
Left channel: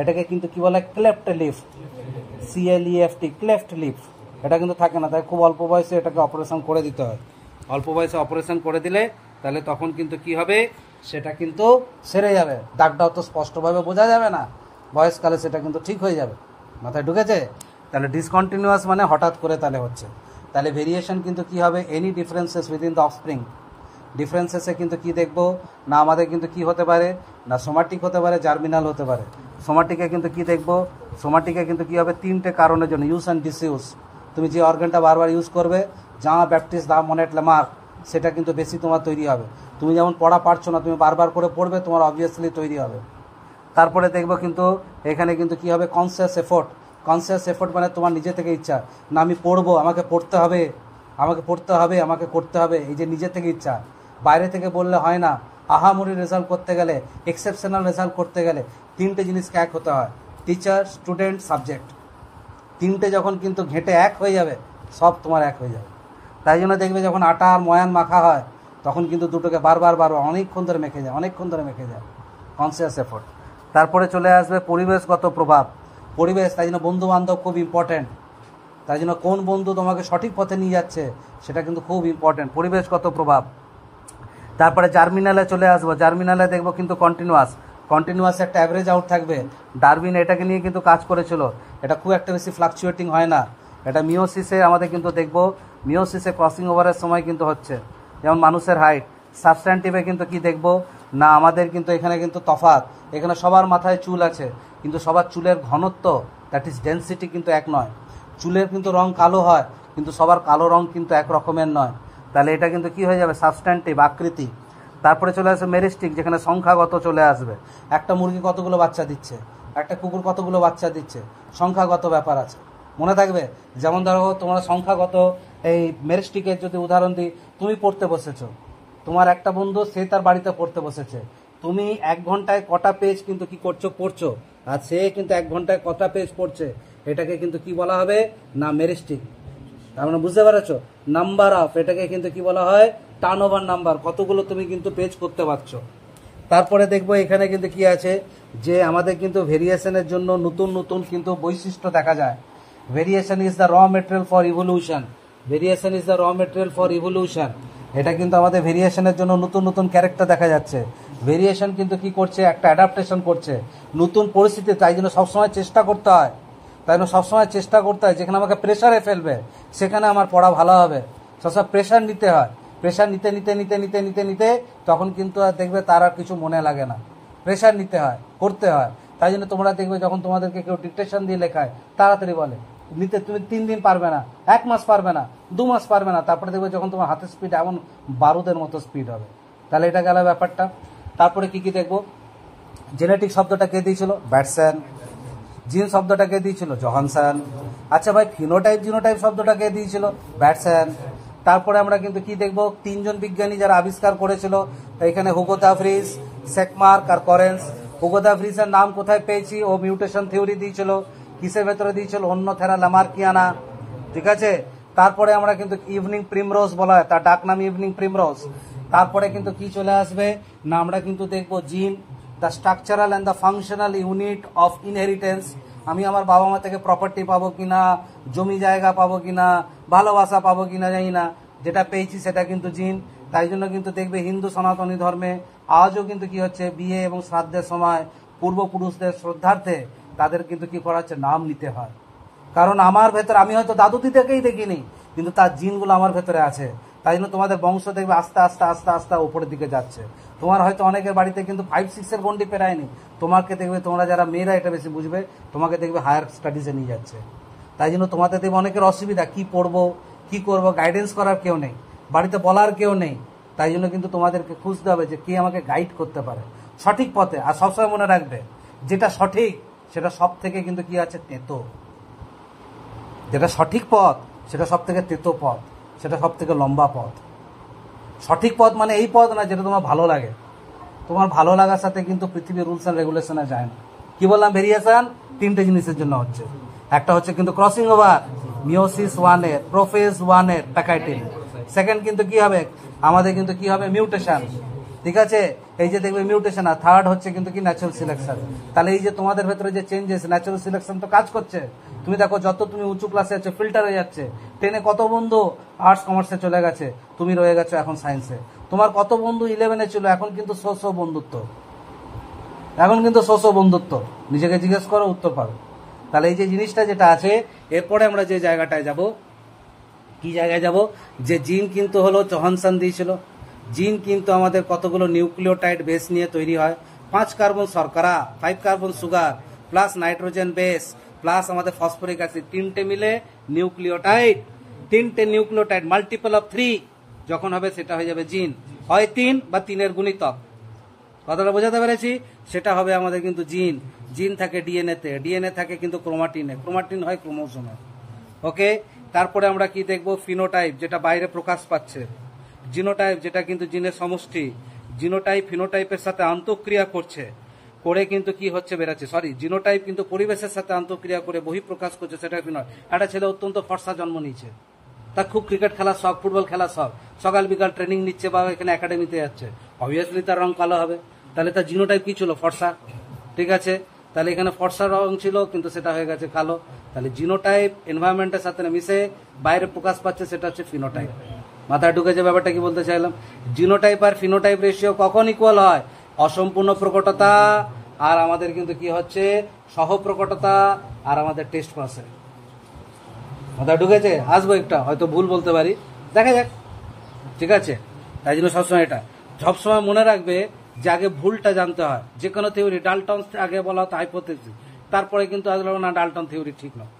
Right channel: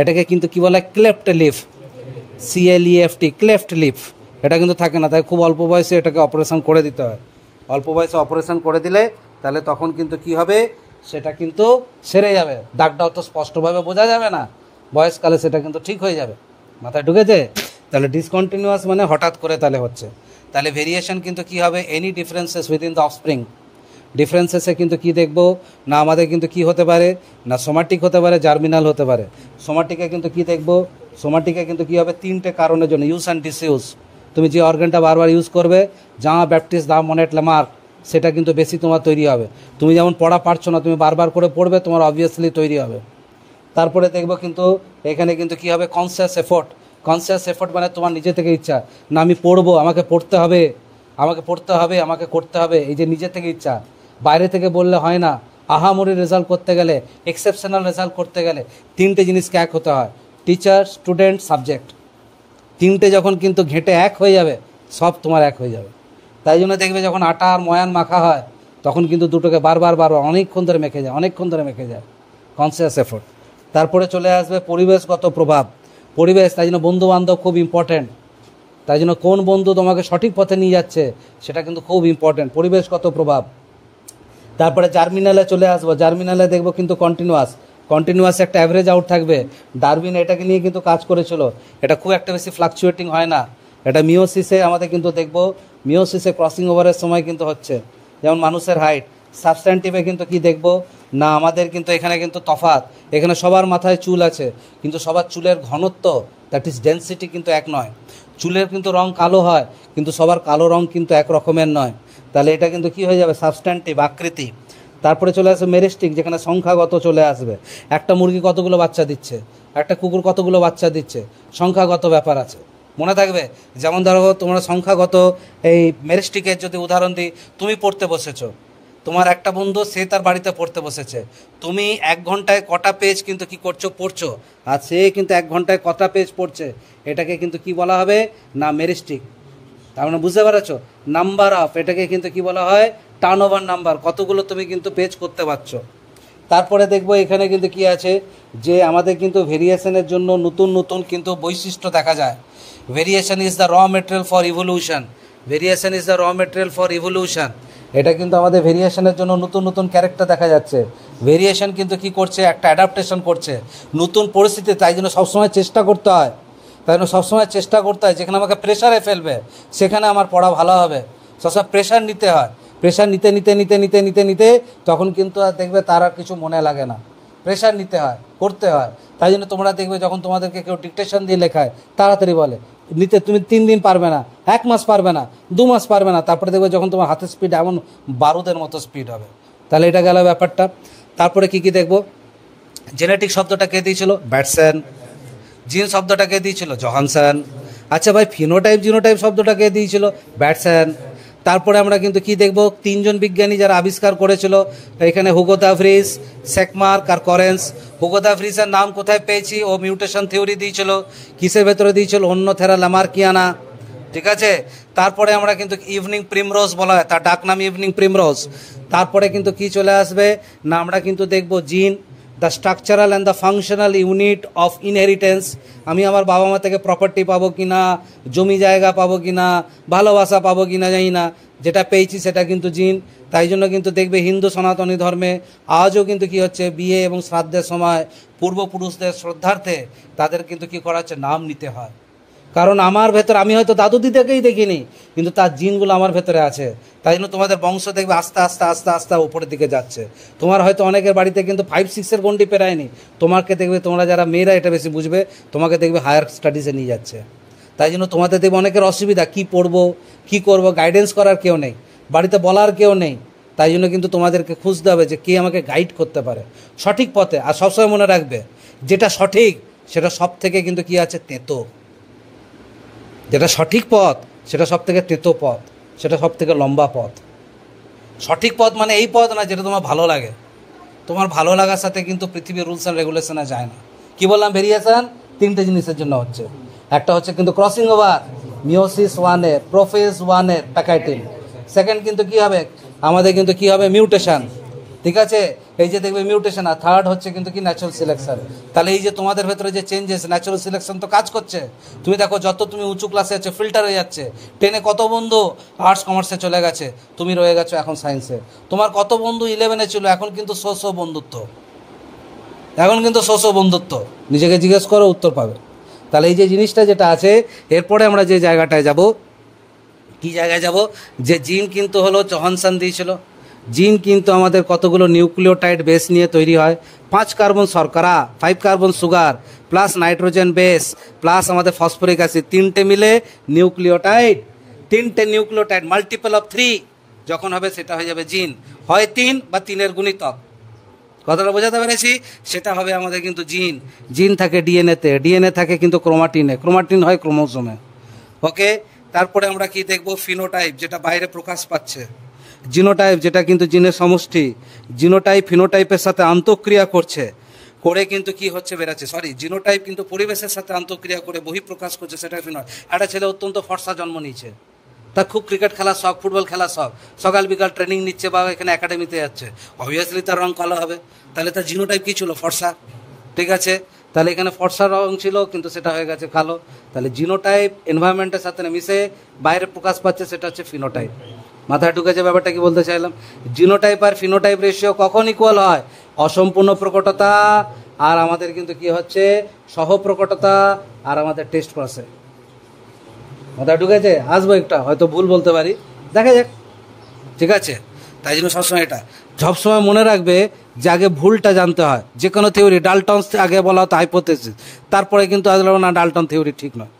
এটাকে কিন্তু কি বলে, cleft leaf, CLEFT, cleft leaf. এটা কিন্তু থাকে না, তাই খুব অল্প বয়সে এটাকে অপারেশন করে দিতে হয়। অল্প বয়সে অপারেশন করে দিলে তাহলে তখন কিন্তু কি হবে, সেটা কিন্তু সেরে যাবে। দাগটা অত স্পষ্টভাবে বোঝা যাবে না, বয়সকালে সেটা কিন্তু ঠিক হয়ে যাবে। মাথায় ঢুকেছে? তাহলে ডিসকন্টিনিউয়াস মানে হঠাৎ করে তাহলে হচ্ছে। তাহলে ভেরিয়েশন কিন্তু কি হবে, any differences within the offspring. ডিফারেন্সেসে কিন্তু কি দেখবো না, আমাদের কিন্তু কি হতে পারে না, সোমাটিক হতে পারে, জার্মিনাল হতে পারে। সোমাটিকে কিন্তু কি দেখবো, সোমাটিকে কিন্তু কি হবে, 3টে কারণের জন্য, ইউজ অ্যান্ড ডিসইউজ। তুমি যে অর্গানটা বারবার ইউজ করবে, জামা ব্যাপটিস দা মনেট লেমার্ক, সেটা কিন্তু বেশি তোমার তৈরি হবে। তুমি যেমন পড়া পারছো না, তুমি বারবার করে পড়বে, তোমার অবভিয়াসলি তৈরি হবে। তারপরে দেখবো কিন্তু এখানে কিন্তু কি হবে, কনসিয়াস এফোর্ট মানে তোমার নিজে থেকে ইচ্ছা, না আমি পড়বো, আমাকে পড়তে হবে, এই যে নিজে থেকে ইচ্ছা। বাইরে থেকে বললে হয় না। আহামরি রেজাল্ট করতে গেলে, এক্সেপশনাল রেজাল্ট করতে গেলে 3টে জিনিসকে এক হতে হয়, টিচার, স্টুডেন্ট, সাবজেক্ট। 3টে যখন কিন্তু ঘেঁটে এক হয়ে যাবে, সব তোমার এক হয়ে যাবে। তাই জন্য দেখবে যখন আটা আর ময়ান মাখা হয়, তখন কিন্তু দুটোকে বারবার অনেকক্ষণ ধরে মেখে যায়, কনসিয়াস এফোর্ট। তারপরে চলে আসবে পরিবেশগত প্রভাব। পরিবেশ, তাই জন্য বন্ধুবান্ধব খুব ইম্পর্ট্যান্ট। তাই জন্য কোন বন্ধু তোমাকে সঠিক পথে নিয়ে যাচ্ছে সেটা কিন্তু খুব ইম্পর্ট্যান্ট, পরিবেশগত প্রভাব। তারপরে জার্মিনালে চলে আসবো, জার্মিনালে দেখবো কিন্তু কন্টিনিউয়াস একটা অ্যাভারেজ আউট থাকবে। ডারউইন এটাকে নিয়ে কিন্তু কাজ করেছিল, এটা খুব একটা বেশি ফ্লাকচুয়েটিং হয় না। এটা মিওসিসে আমাদের কিন্তু দেখবো, মিওসিসে ক্রসিং ওভারের সময় কিন্তু হচ্ছে। যেমন মানুষের হাইট, সাবস্ট্যান্টিভে কিন্তু কি দেখবো না আমাদের কিন্তু এখানে কিন্তু তফাৎ, এখানে সবার মাথায় চুল আছে কিন্তু সবার চুলের ঘনত্ব, দ্যাট ইজ ডেন্সিটি কিন্তু এক নয়। চুলের কিন্তু রং কালো হয় কিন্তু সবার কালো রং কিন্তু এক রকমের নয়। তাহলে এটা কিন্তু কি হয়ে যাবে, সাবস্ট্যান্টিভ আকৃতি। তারপরে চলে আসবে মেরিস্টিক, যেখানে সংখ্যাগত চলে আসবে। একটা মুরগি কতগুলো বাচ্চা দিচ্ছে, একটা কুকুর কতগুলো বাচ্চা দিচ্ছে, সংখ্যাগত ব্যাপার আছে, মনে থাকবে। যেমন ধরো তোমরা সংখ্যাগত এই মেরিস্টিকের যদি উদাহরণ দিই, তুমি পড়তে বসেছো, তোমার একটা বন্ধু সে তার বাড়িতে পড়তে বসেছে, তুমি 1 ঘন্টায় কটা পেজ কিন্তু কি করছো, পড়ছো, আর সে কিন্তু 1 ঘন্টায় কটা পেজ পড়ছে, এটাকে কিন্তু কি বলা হবে না মেরিস্টিক। তার মানে বুঝতে পেরেছো, নাম্বার অফ, এটাকে কিন্তু কি বলা হয় টার্ন ওভার নাম্বার, কতগুলো তুমি কিন্তু পেজ করতে পারছো। তারপরে দেখবো এখানে কিন্তু কি আছে, যে আমাদের কিন্তু ভেরিয়েশনের জন্য নতুন নতুন কিন্তু বৈশিষ্ট্য দেখা যায়। ভেরিয়েশন ইজ দ্য র material for evolution, variation is the র মেটেরিয়াল ফর ইভলিউশন। এটা কিন্তু আমাদের ভেরিয়েশনের জন্য নতুন নতুন ক্যারেক্টার দেখা যাচ্ছে। ভেরিয়েশন কিন্তু কি করছে, একটা অ্যাডাপ্টেশন করছে নতুন পরিস্থিতি, তাই জন্য সবসময় চেষ্টা করতে হয়, তাই জন্য সবসময় চেষ্টা করতে হয় যেখানে আমাকে প্রেশারে ফেলবে সেখানে আমার পড়া ভালো হবে, সবসময় প্রেশার নিতে হয়। প্রেশার নিতে নিতে নিতে নিতে নিতে নিতে তখন কিন্তু আর দেখবে তার আর কিছু মনে লাগে না, প্রেশার নিতে হয়, করতে হয়। তাই জন্য তোমরা দেখবে যখন তোমাদেরকে কেউ ডিকটেশন দিয়ে লেখায় তাড়াতাড়ি বলে, নিতে তুমি 3 দিন পারবে না, 1 মাস পারবে না, 2 মাস পারবে না, তারপরে দেখবে যখন তোমার হাতের স্পিড এমন বারুদের মতো স্পিড হবে। তাহলে এটা গেল ব্যাপারটা। তারপরে কি কি দেখবো, জেনেটিক শব্দটা কে দিয়েছিল, ব্যাটসন। জিন শব্দটা কে দিয়েছিল, জহানসন। আচ্ছা ভাই, ফিনোটাইপ জিনোটাইপ শব্দটা কে দিয়েছিল, ব্যাটসন। তারপরে আমরা কিন্তু কি দেখব, 3 জন বিজ্ঞানী যারা আবিষ্কার করেছিল, এখানে হুগো দা ভ্রিস, সেকমার্ক আর করেন্স। হুগো দা ভ্রিসের নাম কোথায় পেয়েছি, ও মিউটেশন থিওরি দিয়েছিল, কিসের ভেতরে দিয়েছিল, অন্যথেরা লামার্কিয়ানা, ঠিক আছে। তারপরে আমরা কিন্তু ইভিনিং প্রিমরোজ বলা হয়, তার ডাক নাম ইভিনিং প্রিমরোজ। তারপরে কিন্তু কি চলে আসবে না, আমরা কিন্তু দেখব জিন, the structural and the functional unit of inheritance. আমি আমার বাবা মা থেকে প্রপার্টি পাবো কি না, জমি জায়গা পাবো কি না, ভালোবাসা পাবো কি না জানি না, যেটা পেয়েছি সেটা কিন্তু জিন। তাই জন্য কিন্তু দেখবে হিন্দু সনাতনী ধর্মে আজও কিন্তু কি হচ্ছে, বিয়ে এবং শ্রাদ্ধের সময় পূর্বপুরুষদের শ্রদ্ধার্থে তাদের কিন্তু কি করা হচ্ছে, নাম নিতে হয়। কারণ আমার ভেতর, আমি হয়তো দাদু দিদাকেই দেখিনি কিন্তু তার জিনগুলো আমার ভেতরে আছে। তাই জন্য তোমাদের বংশ দেখবে আস্তে আস্তে আস্তে আস্তে উপরের দিকে যাচ্ছে। তোমার হয়তো অনেকের বাড়িতে কিন্তু 5-6 গন্ডি পেরায়নি, তোমাকে দেখবে, তোমরা যারা মেয়েরা এটা বেশি বুঝবে, তোমাকে দেখবে হায়ার স্টাডিজে নিয়ে যাচ্ছে। তাই জন্য তোমাদের দেখবে অনেকের অসুবিধা, কি পড়বো কি করব, গাইডেন্স করার কেউ নেই, বাড়িতে বলার কেউ নেই। তাই জন্য কিন্তু তোমাদেরকে খুঁজতে হবে যে কে আমাকে গাইড করতে পারে সঠিক পথে। আর সবসময় মনে রাখবে, যেটা সঠিক সেটা সব থেকে কিন্তু কি আছে, তেতো। যেটা সঠিক পথ সেটা সব থেকে তেতো পথ, সেটা সব থেকে লম্বা পথ। সঠিক পথ মানে এই পথ না যেটা তোমার ভালো লাগে, তোমার ভালো লাগার সাথে কিন্তু পৃথিবীর রুলস অ্যান্ড রেগুলেশনে যায় না। কি বললাম, ভেরিয়েশন 3টে জিনিসের জন্য হচ্ছে। একটা হচ্ছে কিন্তু ক্রসিং ওভার, মিওসিস 1-এর, প্রোফেজ 1-এর প্যাকাইটিন। সেকেন্ড কিন্তু কি হবে, আমাদের কিন্তু কি হবে, মিউটেশন, ঠিক আছে, এই যে দেখবে মিউটেশন। আর থার্ড হচ্ছে কিন্তু কি, ন্যাচারাল সিলেকশন। তাহলে এই যে তোমাদের ভেতরে যে চেঞ্জেস, ন্যাচারাল সিলেকশন তো কাজ করছে। তুমি দেখো যত তুমি উঁচু ক্লাসে আছো ফিল্টার হয়ে যাচ্ছে। 10-এ কত বন্ধু আর্টস কমার্সে চলে গেছে, তুমি রয়ে গেছো এখন সায়েন্সে। তোমার কত বন্ধু 11-এ ছিল, এখন কিন্তু বন্ধুত্ব, এখন কিন্তু বন্ধুত্ব, নিজেকে জিজ্ঞেস করো উত্তর পাবে। তাহলে এই যে জিনিসটা যেটা আছে, এরপরে আমরা যে জায়গাটায় যাব, কি জায়গায় যাব, যে জিন কিন্তু হলো জহানসন দিয়েছিল। জিন কিন্তু আমাদের কতগুলো নিউক্লিওটাইড বেস নিয়ে তৈরি হয়, 5 কার্বন শর্করা, 5 carbon sugar, plus nitrogen base, plus আমাদের ফসফরিক অ্যাসিড, 3টে মিলে নিউক্লিওটাইড। 3টে নিউক্লিওটাইড মাল্টিপল অফ 3 যখন হবে সেটা হয়ে যাবে জিন, হয় 3 বা 3-এর গুণিতক। কথাটা বোঝাতে পেরেছি, সেটা হবে আমাদের কিন্তু জিন। জিন থাকে ডিএনএতে, ডিএনএ থাকে কিন্তু ক্রোমাটিনে, ক্রোমাটিন হয় ক্রোমোজোমে। ওকে, তারপরে আমরা কি দেখব, ফিনোটাইপ, যেটা বাইরে প্রকাশ পাচ্ছে। জিনোটাইপ, যেটা কিন্তু জিনের সমষ্টি। জিনোটাইপ ফিনোটাইপের সাথে আন্তঃক্রিয়া করছে, করে কিন্তু কি হচ্ছে, বেরাচ্ছে। জিনোটাইপ কিন্তু পরিবেশের সাথে আন্তঃক্রিয়া করে বহিঃপ্রকাশ করছে, সেটা ফিনোটাইপ। একটা ছেলে অত্যন্ত ফর্সা জন্ম নিয়েছে, তার খুব ক্রিকেট খেলার শখ, ফুটবল খেলার শখ, সকাল বিকাল ট্রেনিং নিচ্ছে বা এখানে একাডেমিতে যাচ্ছে, অবভিয়াসলি তার রং কালো হবে। তাহলে তার জিনোটাইপ কী ছিল, ফর্সা, ঠিক আছে। তাহলে এখানে ফর্সা রং ছিল কিন্তু সেটা হয়ে গেছে কালো। তাহলে জিনোটাইপ এনভায়রনমেন্টের সাথে মিশে বাইরে প্রকাশ পাচ্ছে, সেটা হচ্ছে ফিনোটাইপ। মাথায় ঢুকেছে ব্যাপারটা কি বলতে চাইলাম? জিনোটাইপ আর ফিনোটাইপ রেশিও কখন ইকুয়াল হয়? অসম্পূর্ণ প্রকটতা আর আমাদের কিন্তু কি হচ্ছে সহ প্রকটতা আর আমাদের টেস্ট পাসে। মাথায় ঢুকেছে? আসবো একটা, হয়তো ভুল বলতে পারি, দেখা যাক, ঠিক আছে? তাই জন্য সবসময় এটা সবসময় মনে রাখবে যে আগে ভুলটা জানতে হয়। যে কোনো থিওরি ডাল্টনস আগে বলা হতো হাইপোথেসিস, তারপরে কিন্তু আসলে না ডাল্টন থিওরি ঠিক নয়,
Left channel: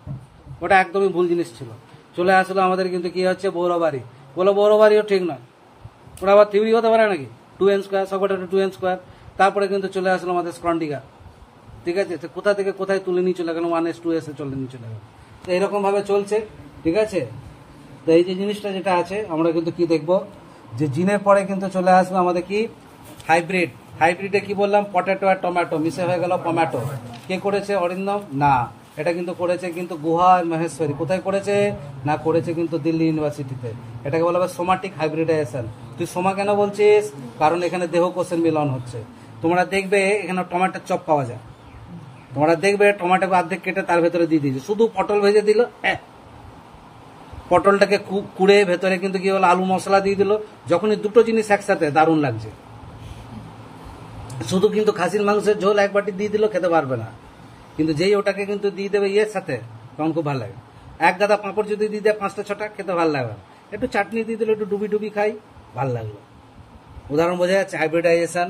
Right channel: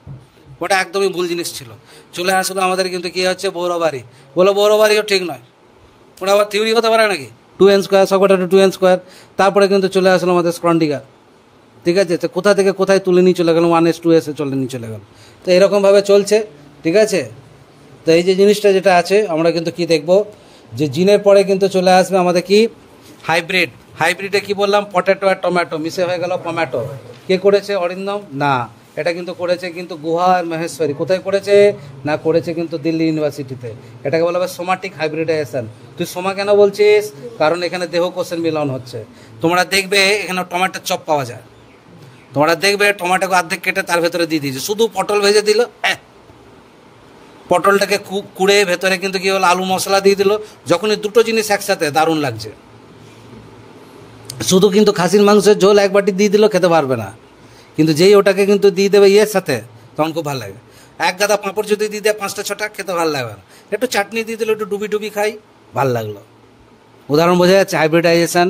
ওটা একদমই ভুল জিনিস ছিল। চলে আসলো আমাদের কিন্তু কি হচ্ছে বৌরবাড়ি, বলো বৌরবাড়িও ঠিক নয়, ওটা আবার থিওরি হতে পারে নাকি? 2n স্কোয়ার সকটা 2n স্কোয়ার, তারপরে কিন্তু চলে আসলো আমাদের স্ক্রন্ডিগা, ঠিক আছে? তো কোথা থেকে কোথায় তুলে নিয়ে চলে গেল, 1s 2s চলে নিয়ে চলে গেল। তো এরকমভাবে চলছে, ঠিক আছে? তো এই যে জিনিসটা যেটা আছে আমরা কিন্তু কি দেখব, যে জিনের পরে কিন্তু চলে আসবে আমাদের কি হাইব্রিড। হাইব্রিডে কি বললাম, পটেটো আর টমেটো মিশে হয়ে গেল পমেটো। কে করেছে? অরিন্দম? না, এটা কিন্তু করেছে কিন্তু গুহা আর মহেশ্বরী। কোথায় করেছে? না, করেছে কিন্তু দিল্লি ইউনিভার্সিটিতে। এটাকে বলা হয় সোমাটিক হাইব্রিডাইজেশন। তুই সোমা কেন বলছিস? কারণ এখানে দেহকোষের মিলন হচ্ছে। তোমরা দেখবে এখানে টমেটোর চপ পাওয়া যায়, তোমরা দেখবে টমেটোকে অর্ধেক কেটে তার ভেতরে দিয়ে দিয়েছে, শুধু পটল ভেজে দিল, পটলটাকে কুড়ে ভেতরে কিন্তু কি হলো আলু মশলা দিয়ে দিল। যখনই দুটো জিনিস একসাথে দারুণ লাগছে। শুধু কিন্তু খাসির মাংসের ঝোল এক বাটি দিয়ে দিল, খেতে পারবে না, কিন্তু যেই ওটাকে কিন্তু দিয়ে দেবে ইয়ের সাথে, তখন খুব ভালো লাগে। এক গাদা পাঁপড় যদি দিয়ে দেয় 5টা 6টা, খেতে ভালো লাগবে না। একটু চাটনি দিয়ে দিল, একটু ডুবি ডুবি খাই, ভালো লাগলো। উদাহরণ বোঝা যাচ্ছে হাইব্রিডাইজেশন।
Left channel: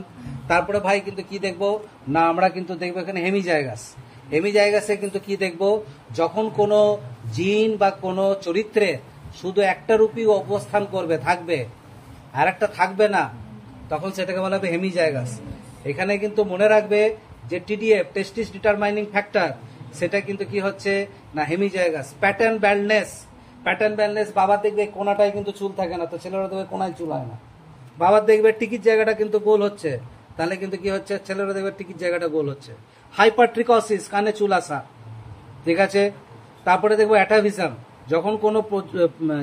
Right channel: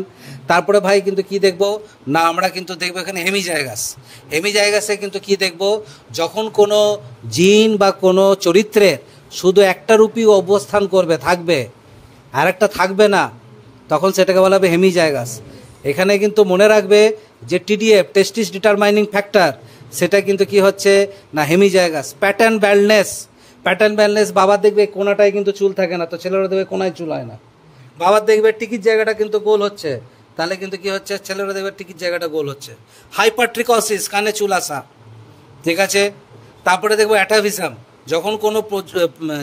তারপরে ভাই কিন্তু কি দেখবো না, আমরা কিন্তু দেখবো এখানে হেমিজাইগাস। হেমিজাইগাসে কিন্তু কি দেখবো, যখন কোনো জিন বা কোনো চরিত্রে শুধু একটা রূপী অবস্থান করবে, থাকবে, আর একটা থাকবে না, তখন সেটাকে বলা হবে হেমিজাইগাস। এখানে কিন্তু মনে রাখবে যে টিডিএফ টেস্টিস ডিটারমাইনিং ফ্যাক্টর, সেটা কিন্তু কি হচ্ছে না হেমিজাইগাস। প্যাটার্ন ব্যালনেস, প্যাটার্ন ব্যালনেস, বাবার দেখবে কোনাটায় কিন্তু চুল থাকে না, তো ছেলেরা দেখবে কোনায় চুল হয় না। বাবার দেখবে টিকির জায়গাটা কিন্তু গোল হচ্ছে, তাহলে কিন্তু কি হচ্ছে ছেলেরা দেখবে টিকির জায়গাটা গোল হচ্ছে। হাইপারট্রিকসিস, কানে চুল আসা, ঠিক আছে? তারপরে দেখবো অ্যাটাভিজম, যখন কোনো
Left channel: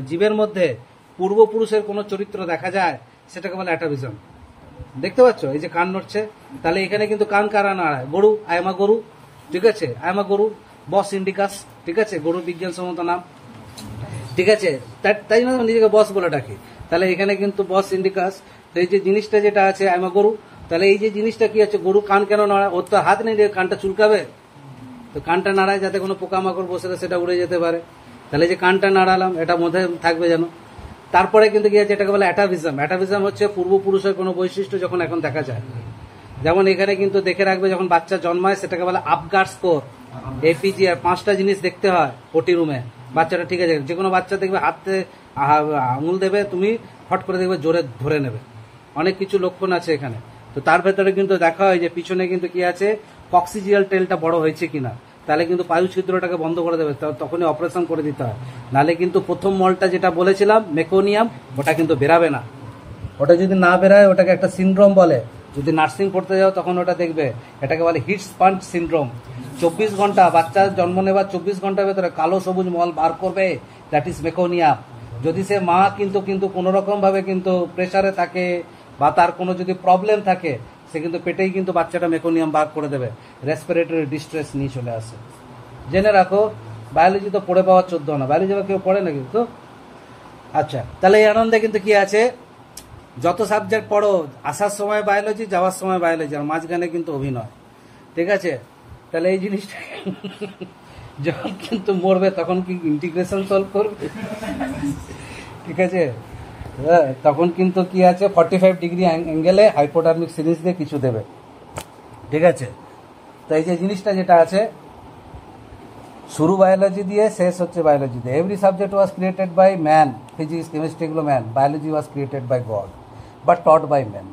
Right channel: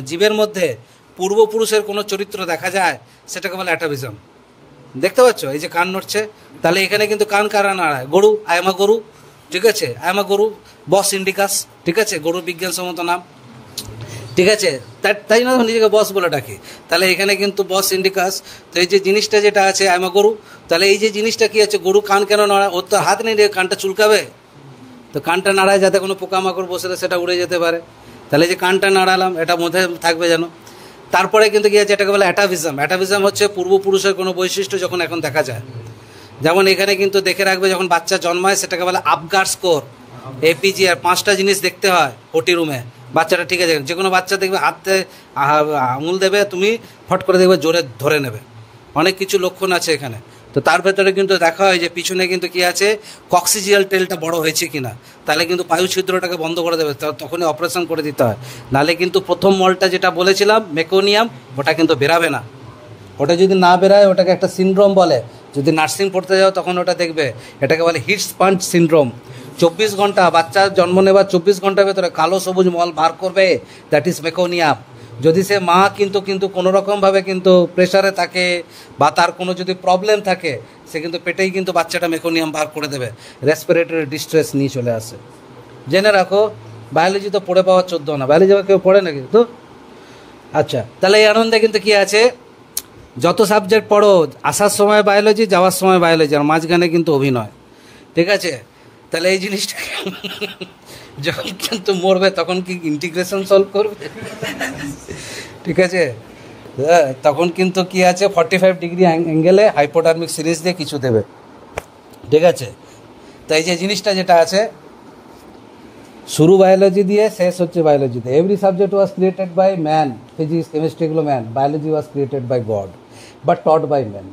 জীবের মধ্যে পূর্বপুরুষের কোনো চরিত্র দেখা যায়, সেটাকে বলে অ্যাটাভিজম। দেখতে পাচ্ছ এই যে কান নড়ছে, তাহলে এখানে কিন্তু কান কারা নাড়ায়? গরু, আয়ামা গরু, ঠিক আছে? আয়ামা গরু, বস ইন্ডিকাস, ঠিক আছে? গরুর বিজ্ঞানসম্মত নাম, ঠিক আছে? তাই জন্য নিজেকে বস বলে ডাকে। তাহলে এখানে কিন্তু বস ইন্ডিকাস। তো এই যে জিনিসটা যেটা আছে আয়ামা গরু, তাহলে এই যে জিনিসটা কি আছে, গরু কান কেন নাড়ায়? ওর তো হাত নেই, কানটা চুলকাবে, তো কানটা নাড়ায় যাতে কোনো পোকামাকড় বসলে সেটা উড়ে যেতে পারে। তাহলে যে কানটা নাড়ালাম, এটা মধ্যে থাকবে যেন। তারপরে কিন্তু কি আছে, এটাকে বলে অ্যাটাভিজম। অ্যাটাভিজম হচ্ছে পূর্বপুরুষের কোনো বৈশিষ্ট্য যখন এখন দেখা যায়। যেমন এখানে কিন্তু দেখে রাখবে, যখন বাচ্চা জন্মায় সেটাকে বলে আপগার স্কোর, এপিজি। আর 5টা জিনিস দেখতে হয় ওটি রুমে, বাচ্চাটা ঠিক আছে? যে কোনো বাচ্চা দেখবে হাতে আঙুল দেবে, তুমি ফট করে দেখবে জোরে ধরে নেবে। অনেক কিছু লক্ষণ আছে এখানে। তো তার ভেতরে কিন্তু দেখা হয় যে পিছনে কিন্তু কি আছে, কক্সিজিয়াল টেলটা বড় হয়েছে কিনা, তাহলে কিন্তু বায়ু ছিদ্রটাকে বন্ধ করে দেবে, তখনই অপারেশন করে দিতে হয়। নাহলে কিন্তু প্রথম মলটা যেটা বলেছিলাম মেকোনিয়াম, ওটা কিন্তু বেরাবে না। ওটা যদি না বেরায় ওটাকে একটা সিনড্রোম বলে। যদি নার্সিং পড়তে যাও তখন ওটা দেখবে, এটাকে বলে হিট স্পঞ্জ সিনড্রোম। 24 ঘন্টা বাচ্চা জন্ম নেবার 24 ঘন্টার ভেতরে কালো সবুজ মল বার করবে, দ্যাট ইজ মেকোনিয়াম। যদি সে মা কিন্তু কোনো রকমভাবে কিন্তু প্রেশারে থাকে বা তার কোনো যদি প্রবলেম থাকে, সে কিন্তু পেটেই কিন্তু বাচ্চাটা মেকোনিয়াম বার করে দেবে, রেসপিরেটরি ডিস্ট্রেস নিয়ে চলে আসে। জেনে রাখো, বায়োলজি তো পড়ে পাওয়া 14 না, বায়োলজি কেউ পড়ে নাকি তো? আচ্ছা, তাহলে এই আনন্দে কিন্তু কি আছে, যত সাবজেক্ট পড়ো, আসার সময় বায়োলজি, যাওয়ার সময় বায়োলজি, আর মাঝখানে কিন্তু অভিনয়, ঠিক আছে? তাহলে এই জিনিসটা যখন কিন্তু মরবে তখন কি ইন্টিগ্রেশন সলভ করবে, ঠিক আছে? তখন কিন্তু কি আছে 45 ডিগ্রি অ্যাঙ্গেলে হাইপোটার্মিক সিরিজ দিয়ে কিছু দেবে, ঠিক আছে? তো এই যে জিনিসটা যেটা আছে, শুরু বায়োলজি দিয়ে, শেষ হচ্ছে বায়োলজিতে। Every subject was created by man, physics chemistry এগুলো man, biology was created by God but taught by man.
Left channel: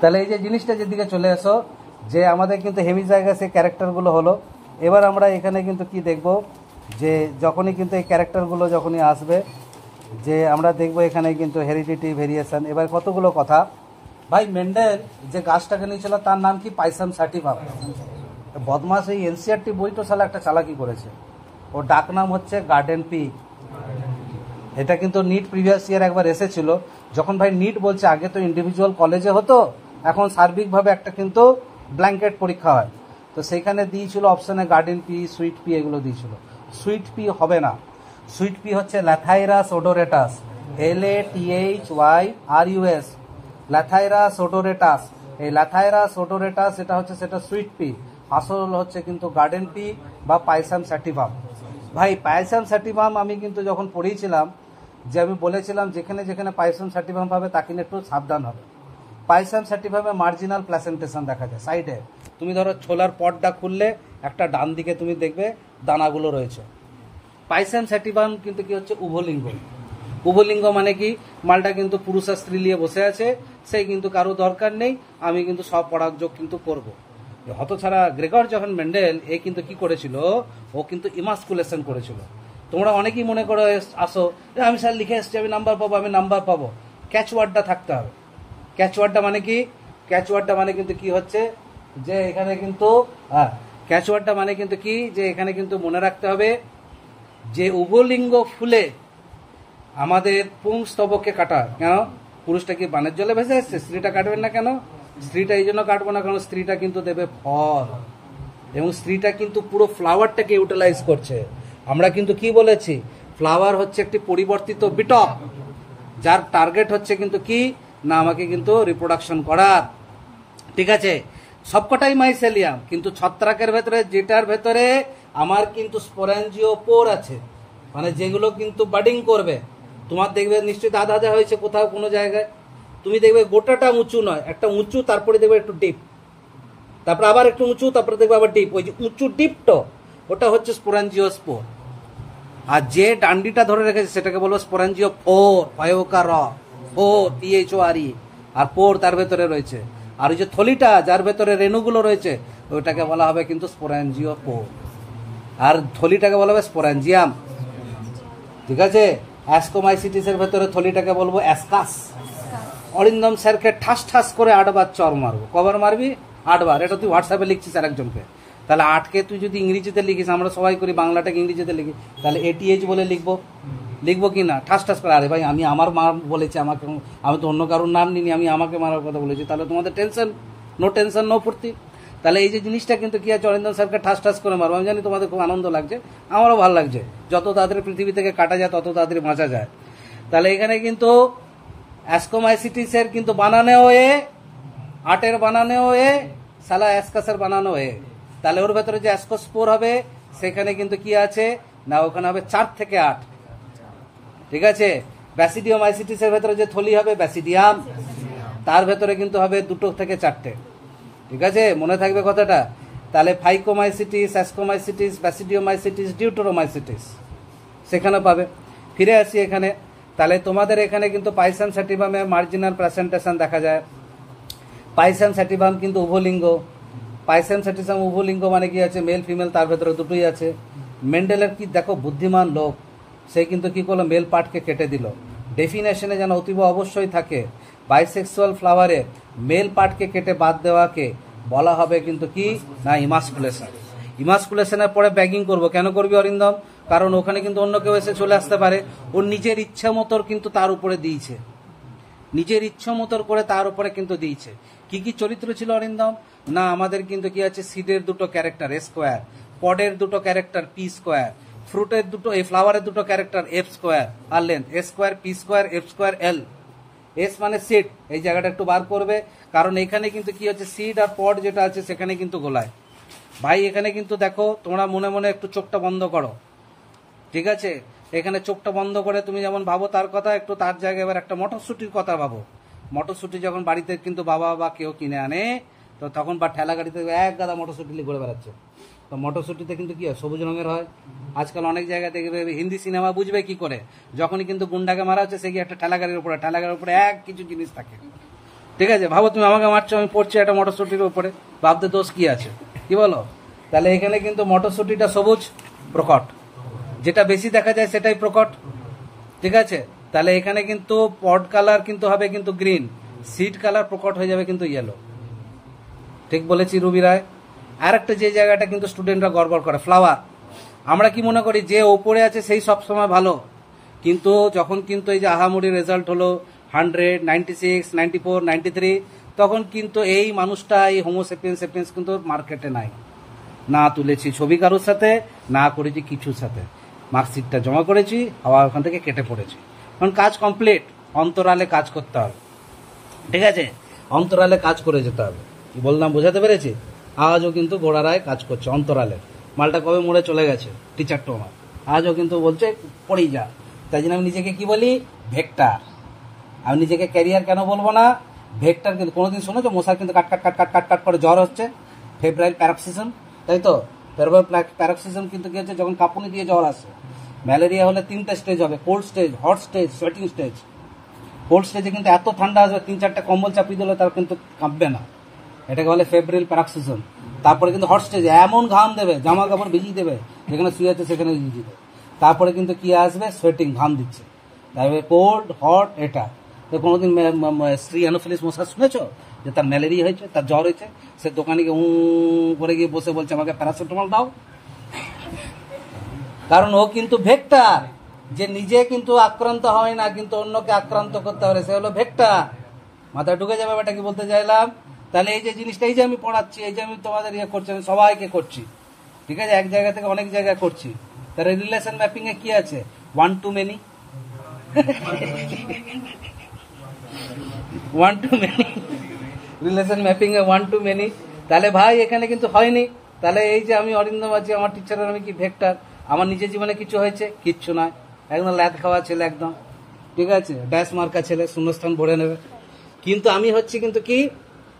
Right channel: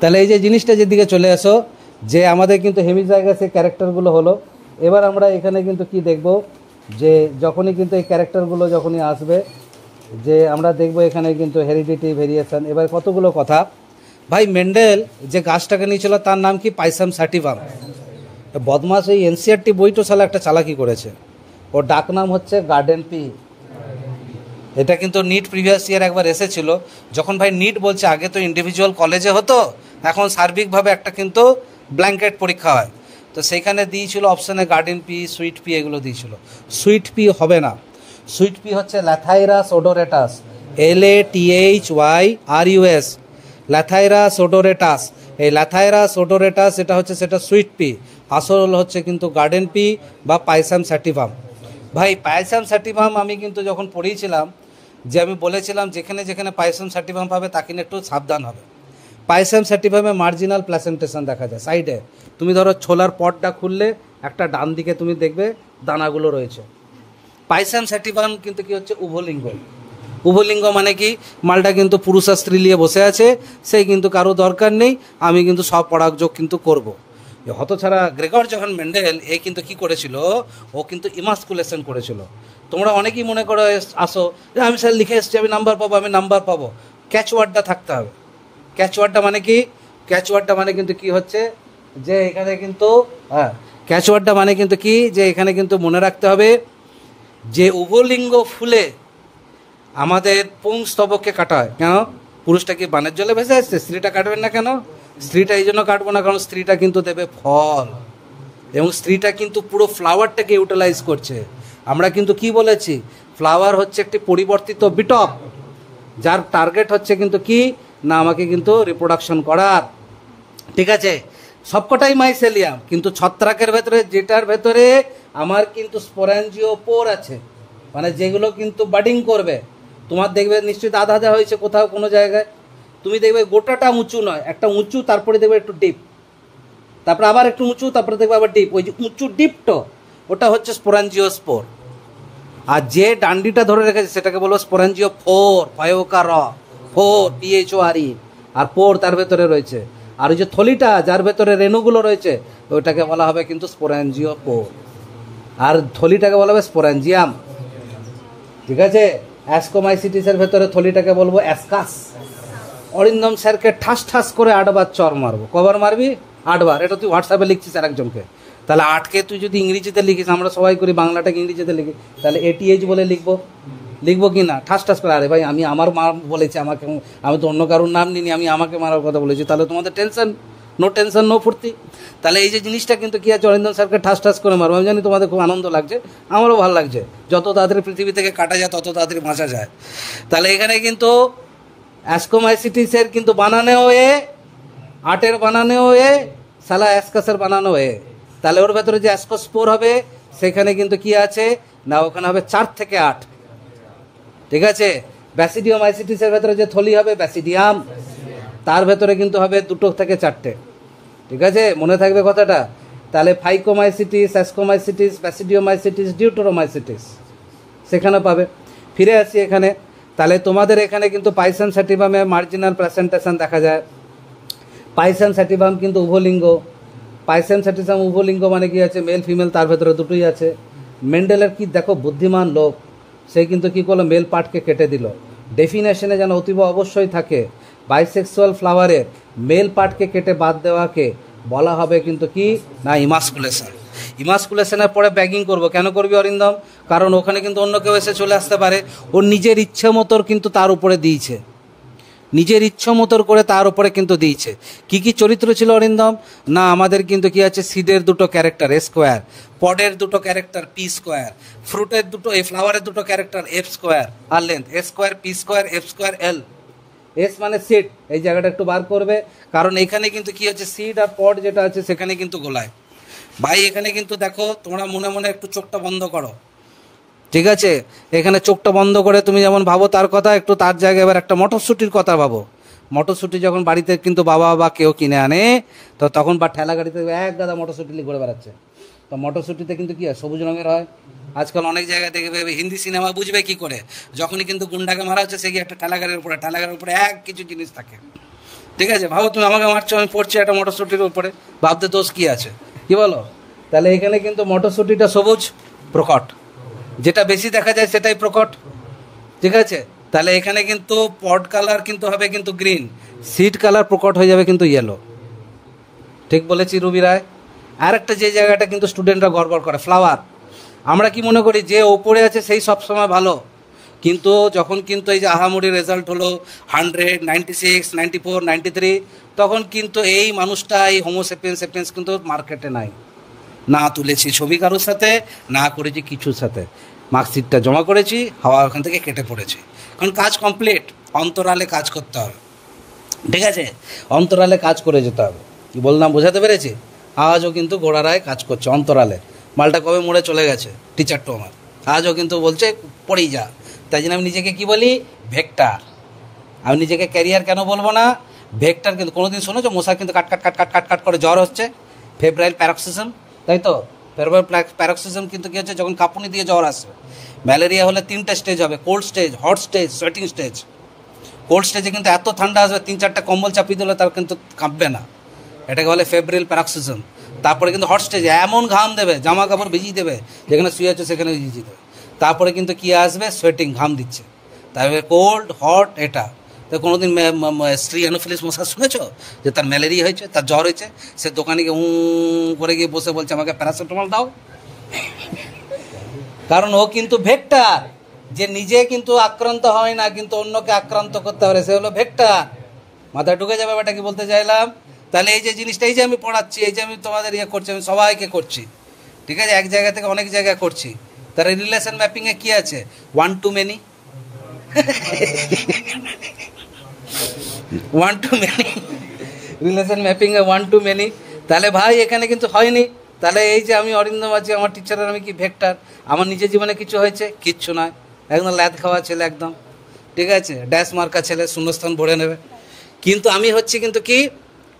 তাহলে এই যে জিনিসটা যেদিকে চলে আসো, যে আমাদের কিন্তু হেমিজাইগাস এই ক্যারেক্টারগুলো হলো। এবার আমরা এখানে কিন্তু কি দেখব, যে যখনই কিন্তু এই ক্যারেক্টারগুলো যখনই আসবে, যে আমরা দেখব এখানে কিন্তু হেরিডিটি, ভেরিয়েশন। এবার কতগুলো কথা ভাই, মেন্ডেল যে গাছটাকে নিয়েছিল তার নাম কি? পাইসাম সাটিভাম। বদমাস এই এনসিআরটি বইটা সালা একটা চালাকি করেছে, ওর ডাক নাম হচ্ছে গার্ডেন পি। এটা কিন্তু নিট প্রিভিয়াস ইয়ার একবার এসেছিল। যখন ভাই নিট বলছে, আগে তো ইন্ডিভিজুয়াল কলেজে হতো, এখন সার্বিকভাবে একটা কিন্তু ব্ল্যাঙ্কেট পরীক্ষা হয়, তো সেইখানে দিয়েছিল অপশানে গার্ডেন পি, সুইট পি এগুলো দিয়েছিল। সুইট পি হবে না, সুইট পি হচ্ছে ল্যাথাইরাস ওডোরেটাস, LATHYRUS, ল্যাথাইরাস ওডোরেটাস। এই ল্যাথাইরাস ওডোরেটাস এটা হচ্ছে সেটা সুইট পি, আসল হচ্ছে কিন্তু গার্ডেন পি বা পাইসাম স্যাটিভাম। ভাই পাইসাম স্যাটিভাম আমি কিন্তু যখন পড়িয়েছিলাম যে আমি বলেছিলাম যেখানে যেখানে পাইসাম স্যাটিভাম পাবে তাকে নিয়ে একটু সাবধান হবে। পাইসাম স্যাটিভামে মার্জিনাল প্লাসেন্টেশন দেখা যায় সাইডে। তুমি ধরো ছোলার পটটা খুললে একটা ডান দিকে তুমি দেখবে দানাগুলো রয়েছে। পাইসাম স্যাটিভাম কিন্তু কি হচ্ছে উভলিঙ্গ। উভলিঙ্গ মানে কি, মালটা কিন্তু পুরুষ আর স্ত্রী নিয়ে বসে আছে, সেই কিন্তু কারো দরকার নেই, আমি কিন্তু সব পরাগযোগ কিন্তু করব। হতছাড়া গ্রেগর যখন মেন্ডেল এ কিন্তু কি করেছিল, ও কিন্তু ইমাস্কুলেশন করেছিল। তোমরা অনেকেই মনে করো আসো যে আমি স্যার লিখে এসছি আমি নাম্বার পাবো, আমি নাম্বার পাবো। ক্যাচওয়ার্ডটা থাকতে হবে। ক্যাচওয়ার্ডটা মানে কি, ক্যাচওয়ার্ডটা মানে কিন্তু কি হচ্ছে যে এখানে কিন্তু ক্যাচওয়ার্ডটা মানে কিন্তু কি যে এখানে কিন্তু মনে রাখতে হবে যে উভলিঙ্গ ফুলে আমাদের পুংস্তবককে কাটা হয়। কেন, পুরুষটা কি বানের জলে ভেসে আসছে, স্ত্রীটা কাটবেন না কেন? স্ত্রীটা এই জন্য কাটবো না কারণ স্ত্রীটা কিন্তু দেবে ফল, এবং স্ত্রীটা কিন্তু পুরো ফ্লাওয়ারটাকে ইউটিলাইজ করছে। আমরা কিন্তু কি বলেছি, ফ্লাওয়ার হচ্ছে একটি পরিবর্তিত বিটপ, যার টার্গেট হচ্ছে কিন্তু কি না আমাকে কিন্তু রিপ্রোডাকশন করার। ঠিক আছে, সবকটাই মাইসেলিয়াম, কিন্তু ছত্রাকের ভেতরে যেটার ভেতরে আমার কিন্তু স্পোরাঞ্জিওপোর আছে, মানে যেগুলো কিন্তু বাডিং করবে। তোমার দেখবে নিশ্চয়ই আধা হয়েছে কোথাও কোনো জায়গায়, তুমি দেখবে গোটাটা উঁচু নয়, একটা উঁচু তারপরে দেখবে একটু ডিপ, তারপরে আবার একটু উঁচু, তারপরে দেখবে আবার ডিপ। ওই যে উঁচু ডিপটো ওটা হচ্ছে স্পোরাঞ্জিওস্পোর। আর যে ডান্ডিটা ধরে রেখেছে সেটাকে বলবো স্পোরাঞ্জিওফোর, ফয়োকার ফোর PHORE, আর পোর তার ভেতরে রয়েছে। আর ওই যে থলিটা যার ভেতরে রেণুগুলো রয়েছে ওইটাকে বলা হবে কিন্তু স্পোরাঞ্জিওপোর, আর থলিটাকে বলা হবে স্পোরাঞ্জিয়াম। ঠিক আছে, অ্যাস্কোমাইসিটিসের ভেতরে থলিটাকে বলবো অ্যাসকাস। অরিন্দম স্যারকে ঠাস ঠাস করে 8 বার চর মারবো। কবার মারবি? 8 বার। এটা তুই হোয়াটসঅ্যাপে লিখছিস আর একজনকে, তাহলে 8কে তুই যদি ইংরেজিতে লিখিস, আমরা সবাই করি বাংলাটাকে ইংরেজিতে লিখি, তাহলে ATH বলে লিখবো কি না? ঠাস ঠাস করে। আরে ভাই আমি আমার মা বলেছি আমাকে, আমি তো অন্য কারোর নাম নিনি, আমি আমাকে মারার কথা বলেছি, তাহলে তোমাদের টেনশন, নো ফুর্তি। তাহলে এই যে জিনিসটা কিন্তু কি আছে, অরিন্দম স্যারকে ঠাস ঠাস করে মারবো। আমি জানি তোমাদের খুব আনন্দ লাগছে, আমারও ভালো লাগছে। যত তাড়াতাড়ি পৃথিবী থেকে কাটা যায় তত তাড়াতাড়ি বাঁচা যায়। তাহলে এখানে কিন্তু অ্যাস্কোমাইসিটিসের কিন্তু বানানেও আটের বানানেও সালা অ্যাসকাসের বানানো তাহলে ওর ভেতরে যে অ্যাসকোস্পোর হবে সেখানে কিন্তু কি আছে না, ওখানে হবে 4 থেকে 8। ঠিক আছে, ব্যাসিডিওমাইসিটিসের ভেতরে যে থলি হবে ব্যাসিডিয়াম, তার ভেতরে কিন্তু হবে 2 থেকে 4টে। ঠিক আছে, মনে থাকবে কথাটা। তাহলে ফাইকোমাইসিটিস, অ্যাসকোমাইসিটিস, ব্যাসিডিওমাইসিটিস, ডিউটোরোমাইসিটিস সেখানে পাবে। ফিরে আসি এখানে, তাহলে তোমাদের এখানে কিন্তু পাইসাম স্যাটিভামে মার্জিনাল প্রেজেন্টেশন দেখা যায়। পাইসাম স্যাটিভাম কিন্তু উভলিঙ্গ। পাইসাম স্যাটিভাম উভলিঙ্গ মানে কি আছে, মেল ফিমেল তার ভেতরে দুটোই আছে। মেন্ডেলের কি দেখো বুদ্ধিমান লোক, সে কিন্তু কি করলো, মেল পার্টকে কেটে দিল। ডেফিনেশনে যেন অতীব অবশ্যই থাকে, বাইসেক্সুয়াল ফ্লাওয়ারের মেল পার্টকে কেটে বাদ দেওয়াকে বলা হবে কিন্তু কি না ইমাস্কুলেশন। ইমাস্কুলেশনের পরে ব্যাগিং করবো। কেন করবি অরিন্দম? কারণ ওখানে কিন্তু অন্য কেউ এসে চলে আসতে পারে, ওর নিজের ইচ্ছে মতোর কিন্তু তার উপরে দিয়েছে, নিজের ইচ্ছা মতোর করে তার উপরে কিন্তু দিয়েছে। কি কি চরিত্র ছিল অরিন্দম না, আমাদের কিন্তু কি আছে, সিডের 2টো ক্যারেক্টার স্কোয়ার, পডের 2টো ক্যারেক্টার P স্কোয়ার, ফ্রুটের 2টো, এই ফ্লাওয়ারের 2টো ক্যারেক্টার F স্কোয়ার আর length S square, P square, F square, L। S মানে সিড, এই জায়গাটা একটু বার করবে, কারণ এখানে কিন্তু কি হচ্ছে, সিড আর পড যেটা আছে সেখানে কিন্তু গোলায়। ভাই এখানে কিন্তু দেখো, তোমরা মনে মনে একটু চোখটা বন্ধ করো। ঠিক আছে, এখানে চোখটা বন্ধ করে তুমি যেমন ভাবো তার কথা, একটু তার জায়গায় এবার একটা মটরশুটির কথা ভাবো। মটরশুটি যখন বাড়িতে কিন্তু বাবা বা কেউ কিনে আনে, তো তখন বা ঠেলা গাড়িতে এক গাদা মটরশুটি ঘুরে বেড়াচ্ছে। তো মটরশুটিতে কিন্তু কি হয়, সবুজ রঙের হয়। আজকাল অনেক জায়গায় দেখবে হিন্দি সিনেমা বুঝবে কি করে, যখনই কিন্তু গুন্ডাকে মারা হচ্ছে সে কি একটা ঠেলা গাড়ির উপরে এক কিছু জিনিস থাকে। ঠিক আছে, ভাবো তুমি আমাকে মারছো, আমি পড়ছি একটা মটরশুটির উপরে, ভাবতে দোষ কি আছে, কি বলো? তাহলে এখানে কিন্তু মটরশুটিটা সবুজ প্রকট, যেটা বেশি দেখা যায় সেটাই প্রকট। ঠিক আছে, তাহলে এখানে কিন্তু পড কালার কিন্তু হবে কিন্তু গ্রিন, সিড কালার প্রকট হয়ে যাবে কিন্তু ইয়েলো। ঠিক বলেছি রুবি রায়? আর একটা যে জায়গাটা কিন্তু স্টুডেন্টরা গড়গড় করে, ফ্লাওয়ার। আমরা কি মনে করি যে ওপরে আছে সেই সবসময় ভালো, কিন্তু যখন কিন্তু এই যে আহামরি রেজাল্ট হলো 100, 96, 94, 93, তখন কিন্তু এই মানুষটা এই হোমোসেপিয়েন্স কিন্তু মার্কেটে নাই। না তুলেছি ছবি কারোর সাথে, না করেছি কিছুর সাথে, মার্কশিটটা জমা করেছি, হাওয়া ওখান থেকে কেটে পড়েছি। কারণ কাজ কমপ্লিট, অন্তরালে কাজ করতে হবে, ঠিক আছে, অন্তরালে কাজ করে যেতে হবে। কি বললাম বোঝাতে পেরেছি? আজও কিন্তু গোড়ারায় কাজ করছে অন্তরালে। মালটা কবে মোড়ে চলে গেছে টিচারটা আমার, আজও কিন্তু বলছে পড়েই যা। তাই জন্য আমি নিজেকে কি বলি? ভেক্টর। আমি নিজেকে ক্যারিয়ার কেন বলবো না? ভেক্টর। কিন্তু কোনোদিন শোনেছো মশার কিন্তু কাট কাট কাট কাট কাট কাট করে জ্বর হচ্ছে, ফেব্রাইল প্যারক্সিজম, তাই তো? ফেব্রাইল প্যারক্সিজম কিন্তু কী হচ্ছে? যখন কাঁপুনি দিয়ে জ্বর আসে। ম্যালেরিয়া হলে 3টে স্টেজ হবে, cold stage, hot stage, sweating stage. Cold স্টেজে কিন্তু এত ঠান্ডা আসবে 3-4টা কম্বল চাপিয়ে দিলে তার কিন্তু কাঁপবে না, এটাকে বলে ফেব্রিল প্যারক্সিজম। তারপরে কিন্তু হট স্টেজে এমন ঘাম দেবে, জামা কাপড় ভিজিয়ে দেবে, যেখানে শুয়ে আছে সেখানে ভিজিয়ে দেবে। তারপরে কিন্তু কী আসবে? সোয়েটিং, ঘাম দিচ্ছে। তারপরে কোল্ড, হট, এটা। তো কোনোদিন স্ত্রী অ্যানোফিলিস মশা শুনেছো যে তার ম্যালেরিয়া হয়েছে, তার জ্বর হয়েছে, সে দোকানে গিয়ে করে গিয়ে বসে বলছে আমাকে প্যারাসিটামল দাও? কারণ ও কিন্তু ভেক্টর, যে নিজে কিন্তু আক্রান্ত হয় না কিন্তু অন্যকে আক্রান্ত করতে পারে, সে হলো ভেক্টর। মাথায় ঢুকে যাবে ব্যাপারটা কি বলতে চাইলাম? তাহলে এই যে জিনিসটা, এই যে আমি পড়াচ্ছি, এই যে আমি তোমাদের ইয়ে করছি, আমি সবাইকে করছি, ঠিক আছে, এক জায়গা থেকে অনেক জায়গায় করছি। তাহলে রিলেশন ম্যাপিংয়ে কী আছে? 1 to many, 1 to many, relation ম্যাপিংয়ে 1 to many। তাহলে ভাই এখানে কিন্তু হয়নি। তাহলে এই যে আমি অরিন্দম আছি, আমার টিচারের আমি কি ভেক্টর? আমার নিজের জীবনে কিছু হয়েছে? কিচ্ছু নয়, একদম ল্যাদ খাওয়া ছেলে, একদম ঠিক আছে, ড্যাশ মার্কা ছেলে, শূন্যস্থান ভরে নেবে। কিন্তু আমি হচ্ছি কিন্তু কি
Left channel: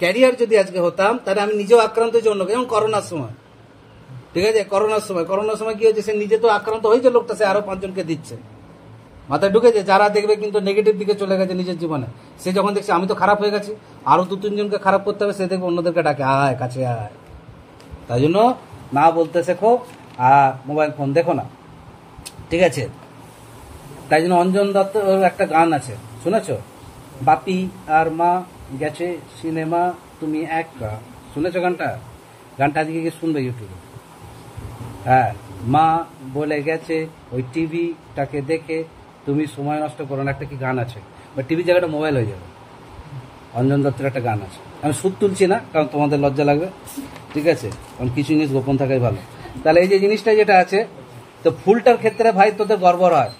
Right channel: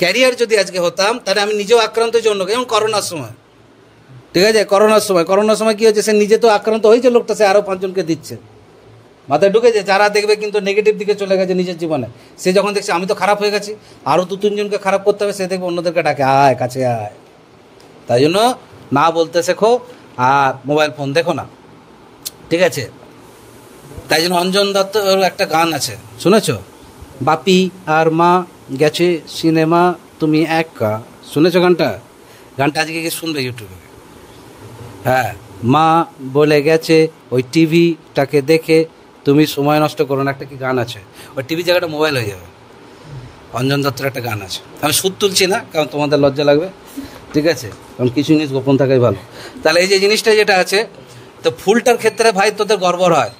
ক্যারিয়ার যদি আজকে হতাম, তাহলে আমি নিজেও আক্রান্ত জন্য, যেমন করোনার সময়, ঠিক আছে, করোনার সময় কী হচ্ছে? সে নিজে তো আক্রান্ত হয়েছে লোকটা, সে আরও 5 জনকে দিচ্ছে। মাথায় ঢুকেছে? যারা দেখবে কিন্তু নেগেটিভ দিকে চলে গেছে নিজের জীবনে, সে যখন দেখছে আমি তো খারাপ হয়ে গেছি, আরও 2-3 জনকে খারাপ করতে হবে, সে দেখবে অন্যদেরকে ডাকে, আয় কাছে আয়। তাই জন্য না বলতে শেখো, আর মোবাইল ফোন দেখো না, ঠিক আছে। তাই জন্য অঞ্জন দত্ত একটা গান আছে, শুনেছো? বাপি আর মা গেছে সিনেমা, তুমি একা। শুনেছো গানটা? গানটা আজকে গিয়ে শুনবে ইউটিউবে। হ্যাঁ, মা বলে গেছে ওই টিভিটাকে দেখে তুমি সময় নষ্ট করো না, একটা কি গান আছে, ওই টিভি জায়গাটা মোবাইল হয়ে যাবে। অঞ্জন দত্তের একটা গান আছে, আমি সুর তুলছি না কারণ তোমাদের লজ্জা লাগবে, ঠিক আছে, কারণ কিছু জিনিস গোপন থাকাই ভালো। তাহলে এই যে জিনিসটা যেটা আছে, তো ফুলটার ক্ষেত্রে ভাই তোদের গর্ব হয়,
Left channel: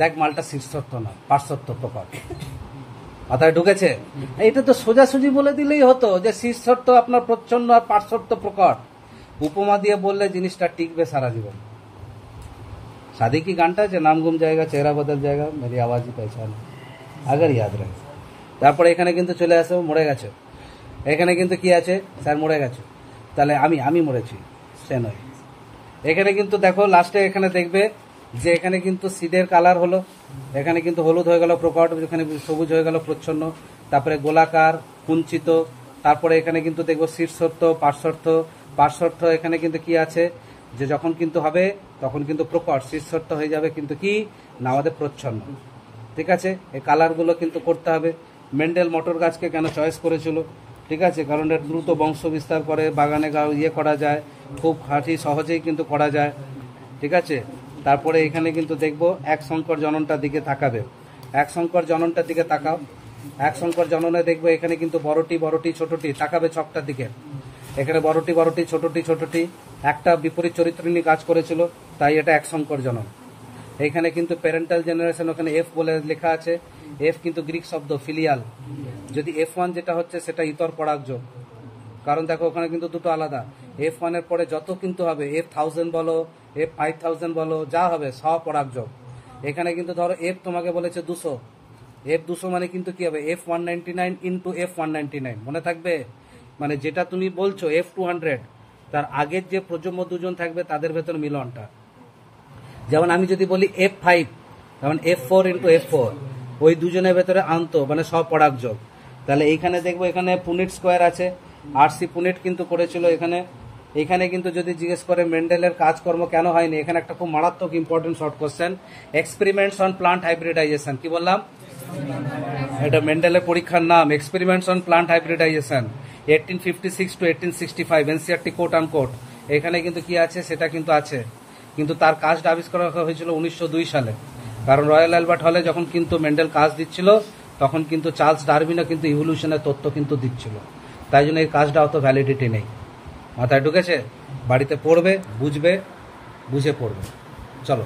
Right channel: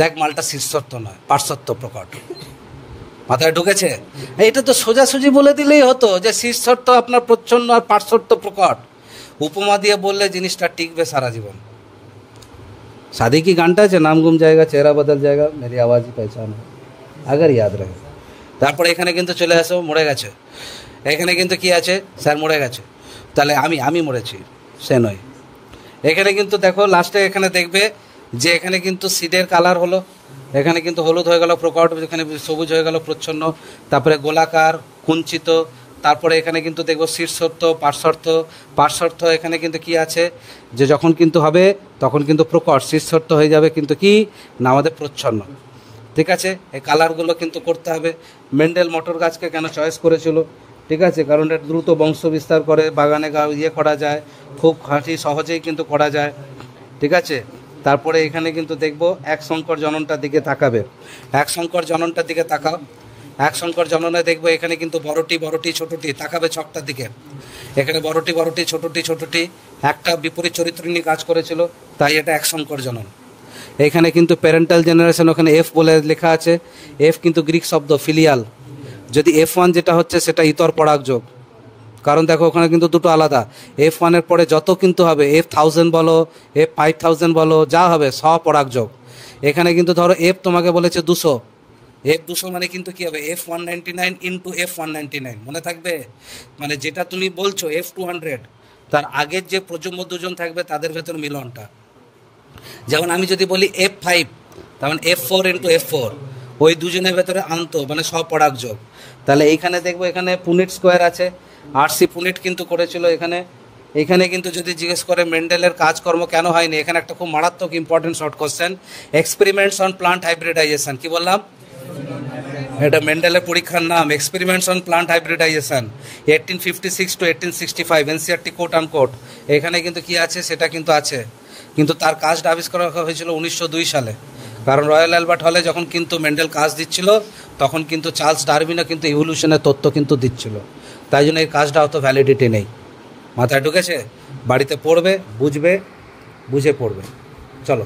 দেখ মালটা শীর্ষত্ব নয়, পার্শ্বত্ব প্রকট। মাথায় ঢুকেছে? এটা তো সোজাসুজি বলে দিলেই হতো যে শীর্ষত্ব আপনার প্রচ্ছন্ন আর পার্শ্বত্ব প্রকট। উপমা দিয়ে বললে জিনিসটা টিকবে সারা জীবন। शादी की गानটা আছে, নাম গুম জায়গা চেহারা বদল জায়গা মেরি আওয়াজই পহচানা, আগার ইয়াদ রাখে। তারপরে এখানে কিন্তু চলে আসো, মরে গেছে, এখানে কিন্তু কি আছে? স্যার মরে গেছে, তাহলে আমি মরেছি, সে নয়। এখানে কিন্তু দেখো লাস্টে এখানে দেখবে যে এখানে কিন্তু সিডের কালার হলো, এখানে কিন্তু হলুদ হয়ে গেল প্রকট, এখানে সবুজ হয়ে গেল প্রচ্ছন্ন, তারপরে গোলাকার, কুঞ্চিত, তারপরে এখানে কিন্তু দেখবো শীর্ষর্থ, পার্শ্বর্থ। এখানে কিন্তু কি আছে যে যখন কিন্তু হবে তখন কিন্তু প্রকট, শীর্ষর্থ হয়ে যাবে কিন্তু কি না আমাদের প্রচ্ছন্ন, ঠিক আছে। এই কালারগুলো কিন্তু করতে হবে। মেন্ডেল মটর গাছকে কেন চয়েস করেছিল? ঠিক আছে, কারণ এটা দ্রুত বংশ বিস্তার করে, বাগানে ইয়ে করা যায়, খুব খাঁটি সহজেই কিন্তু করা যায়, ঠিক আছে। তারপরে এখানে কিন্তু দেখবো এক সংকর জননটার দিকে তাকাবে, এক সংকর জননটার দিকে তাকাও, এক সংকর জননে দেখবো এখানে কিন্তু বড়টি ছোটটি তাকাবে ছকটার দিকে, এখানে বড়টি ছোটটি একটা বিপরীত চরিত্র নিয়ে কাজ করেছিল, তাই এটা এক সংকর জনন। এখানে কিন্তু প্যারেন্টাল জেনারেশন, ওখানে এফ বলে লেখা আছে, এফ কিন্তু গ্রিক শব্দ ফিলিয়াল, যদি F1 যেটা হচ্ছে সেটা ইতর পরাগ যোগ, কারণ দেখো ওখানে কিন্তু দুটো আলাদা, F1-এর পরে যত কিন্তু হবে F1000 বলো, F5000 বলো, যা হবে সব পরাগ যোগ। এখানে কিন্তু ধরো F তোমাকে বলেছে 200, F200 মানে কিন্তু কি হবে F199 ইন্টু F199, মনে থাকবে? মানে যেটা তুমি বলছো F200, তার আগের যে প্রজন্ম দুজন থাকবে তাদের ভেতর মিলনটা। যেমন আমি যদি বলি F5, তখন F4 ইন্টু F4, ওই দুজনের ভেতরে আন্ত মানে সপরাগ যোগ। তাহলে এইখানে দেখবো এখানে পুনিট স্কোয়ার আছে, RC পুনিট কিন্তু করেছিল এখানে। এখানে কিন্তু যদি জিজ্ঞেস করে মেন্ডেলের কাজকর্ম কেন হয়নি, এখানে একটা খুব মারাত্মক important short question, experiments on plant hybridization. কি বললাম? এটা মেন্ডেলের পরীক্ষার নাম, experiments on plant hybridization 1856 to 1865, NCERT quote unquote. এখানে কিন্তু কি আছে সেটা কিন্তু আছে, কিন্তু তার কাজটা আবিষ্কার হয়েছিল 1902 সালে। কারণ রয়্যাল অ্যালবার্ট হলে যখন কিন্তু মেন্ডেল কাজ দিচ্ছিল তখন কিন্তু চার্লস ডারউইনও কিন্তু ইভলিউশনের তত্ত্ব কিন্তু দিচ্ছিল, তাই জন্য এই কাজটা অত ভ্যালিডিটি নেই। মাথায় ঢুকেছে? বাড়িতে পড়বে, বুঝবে, বুঝে পড়বে। চলো।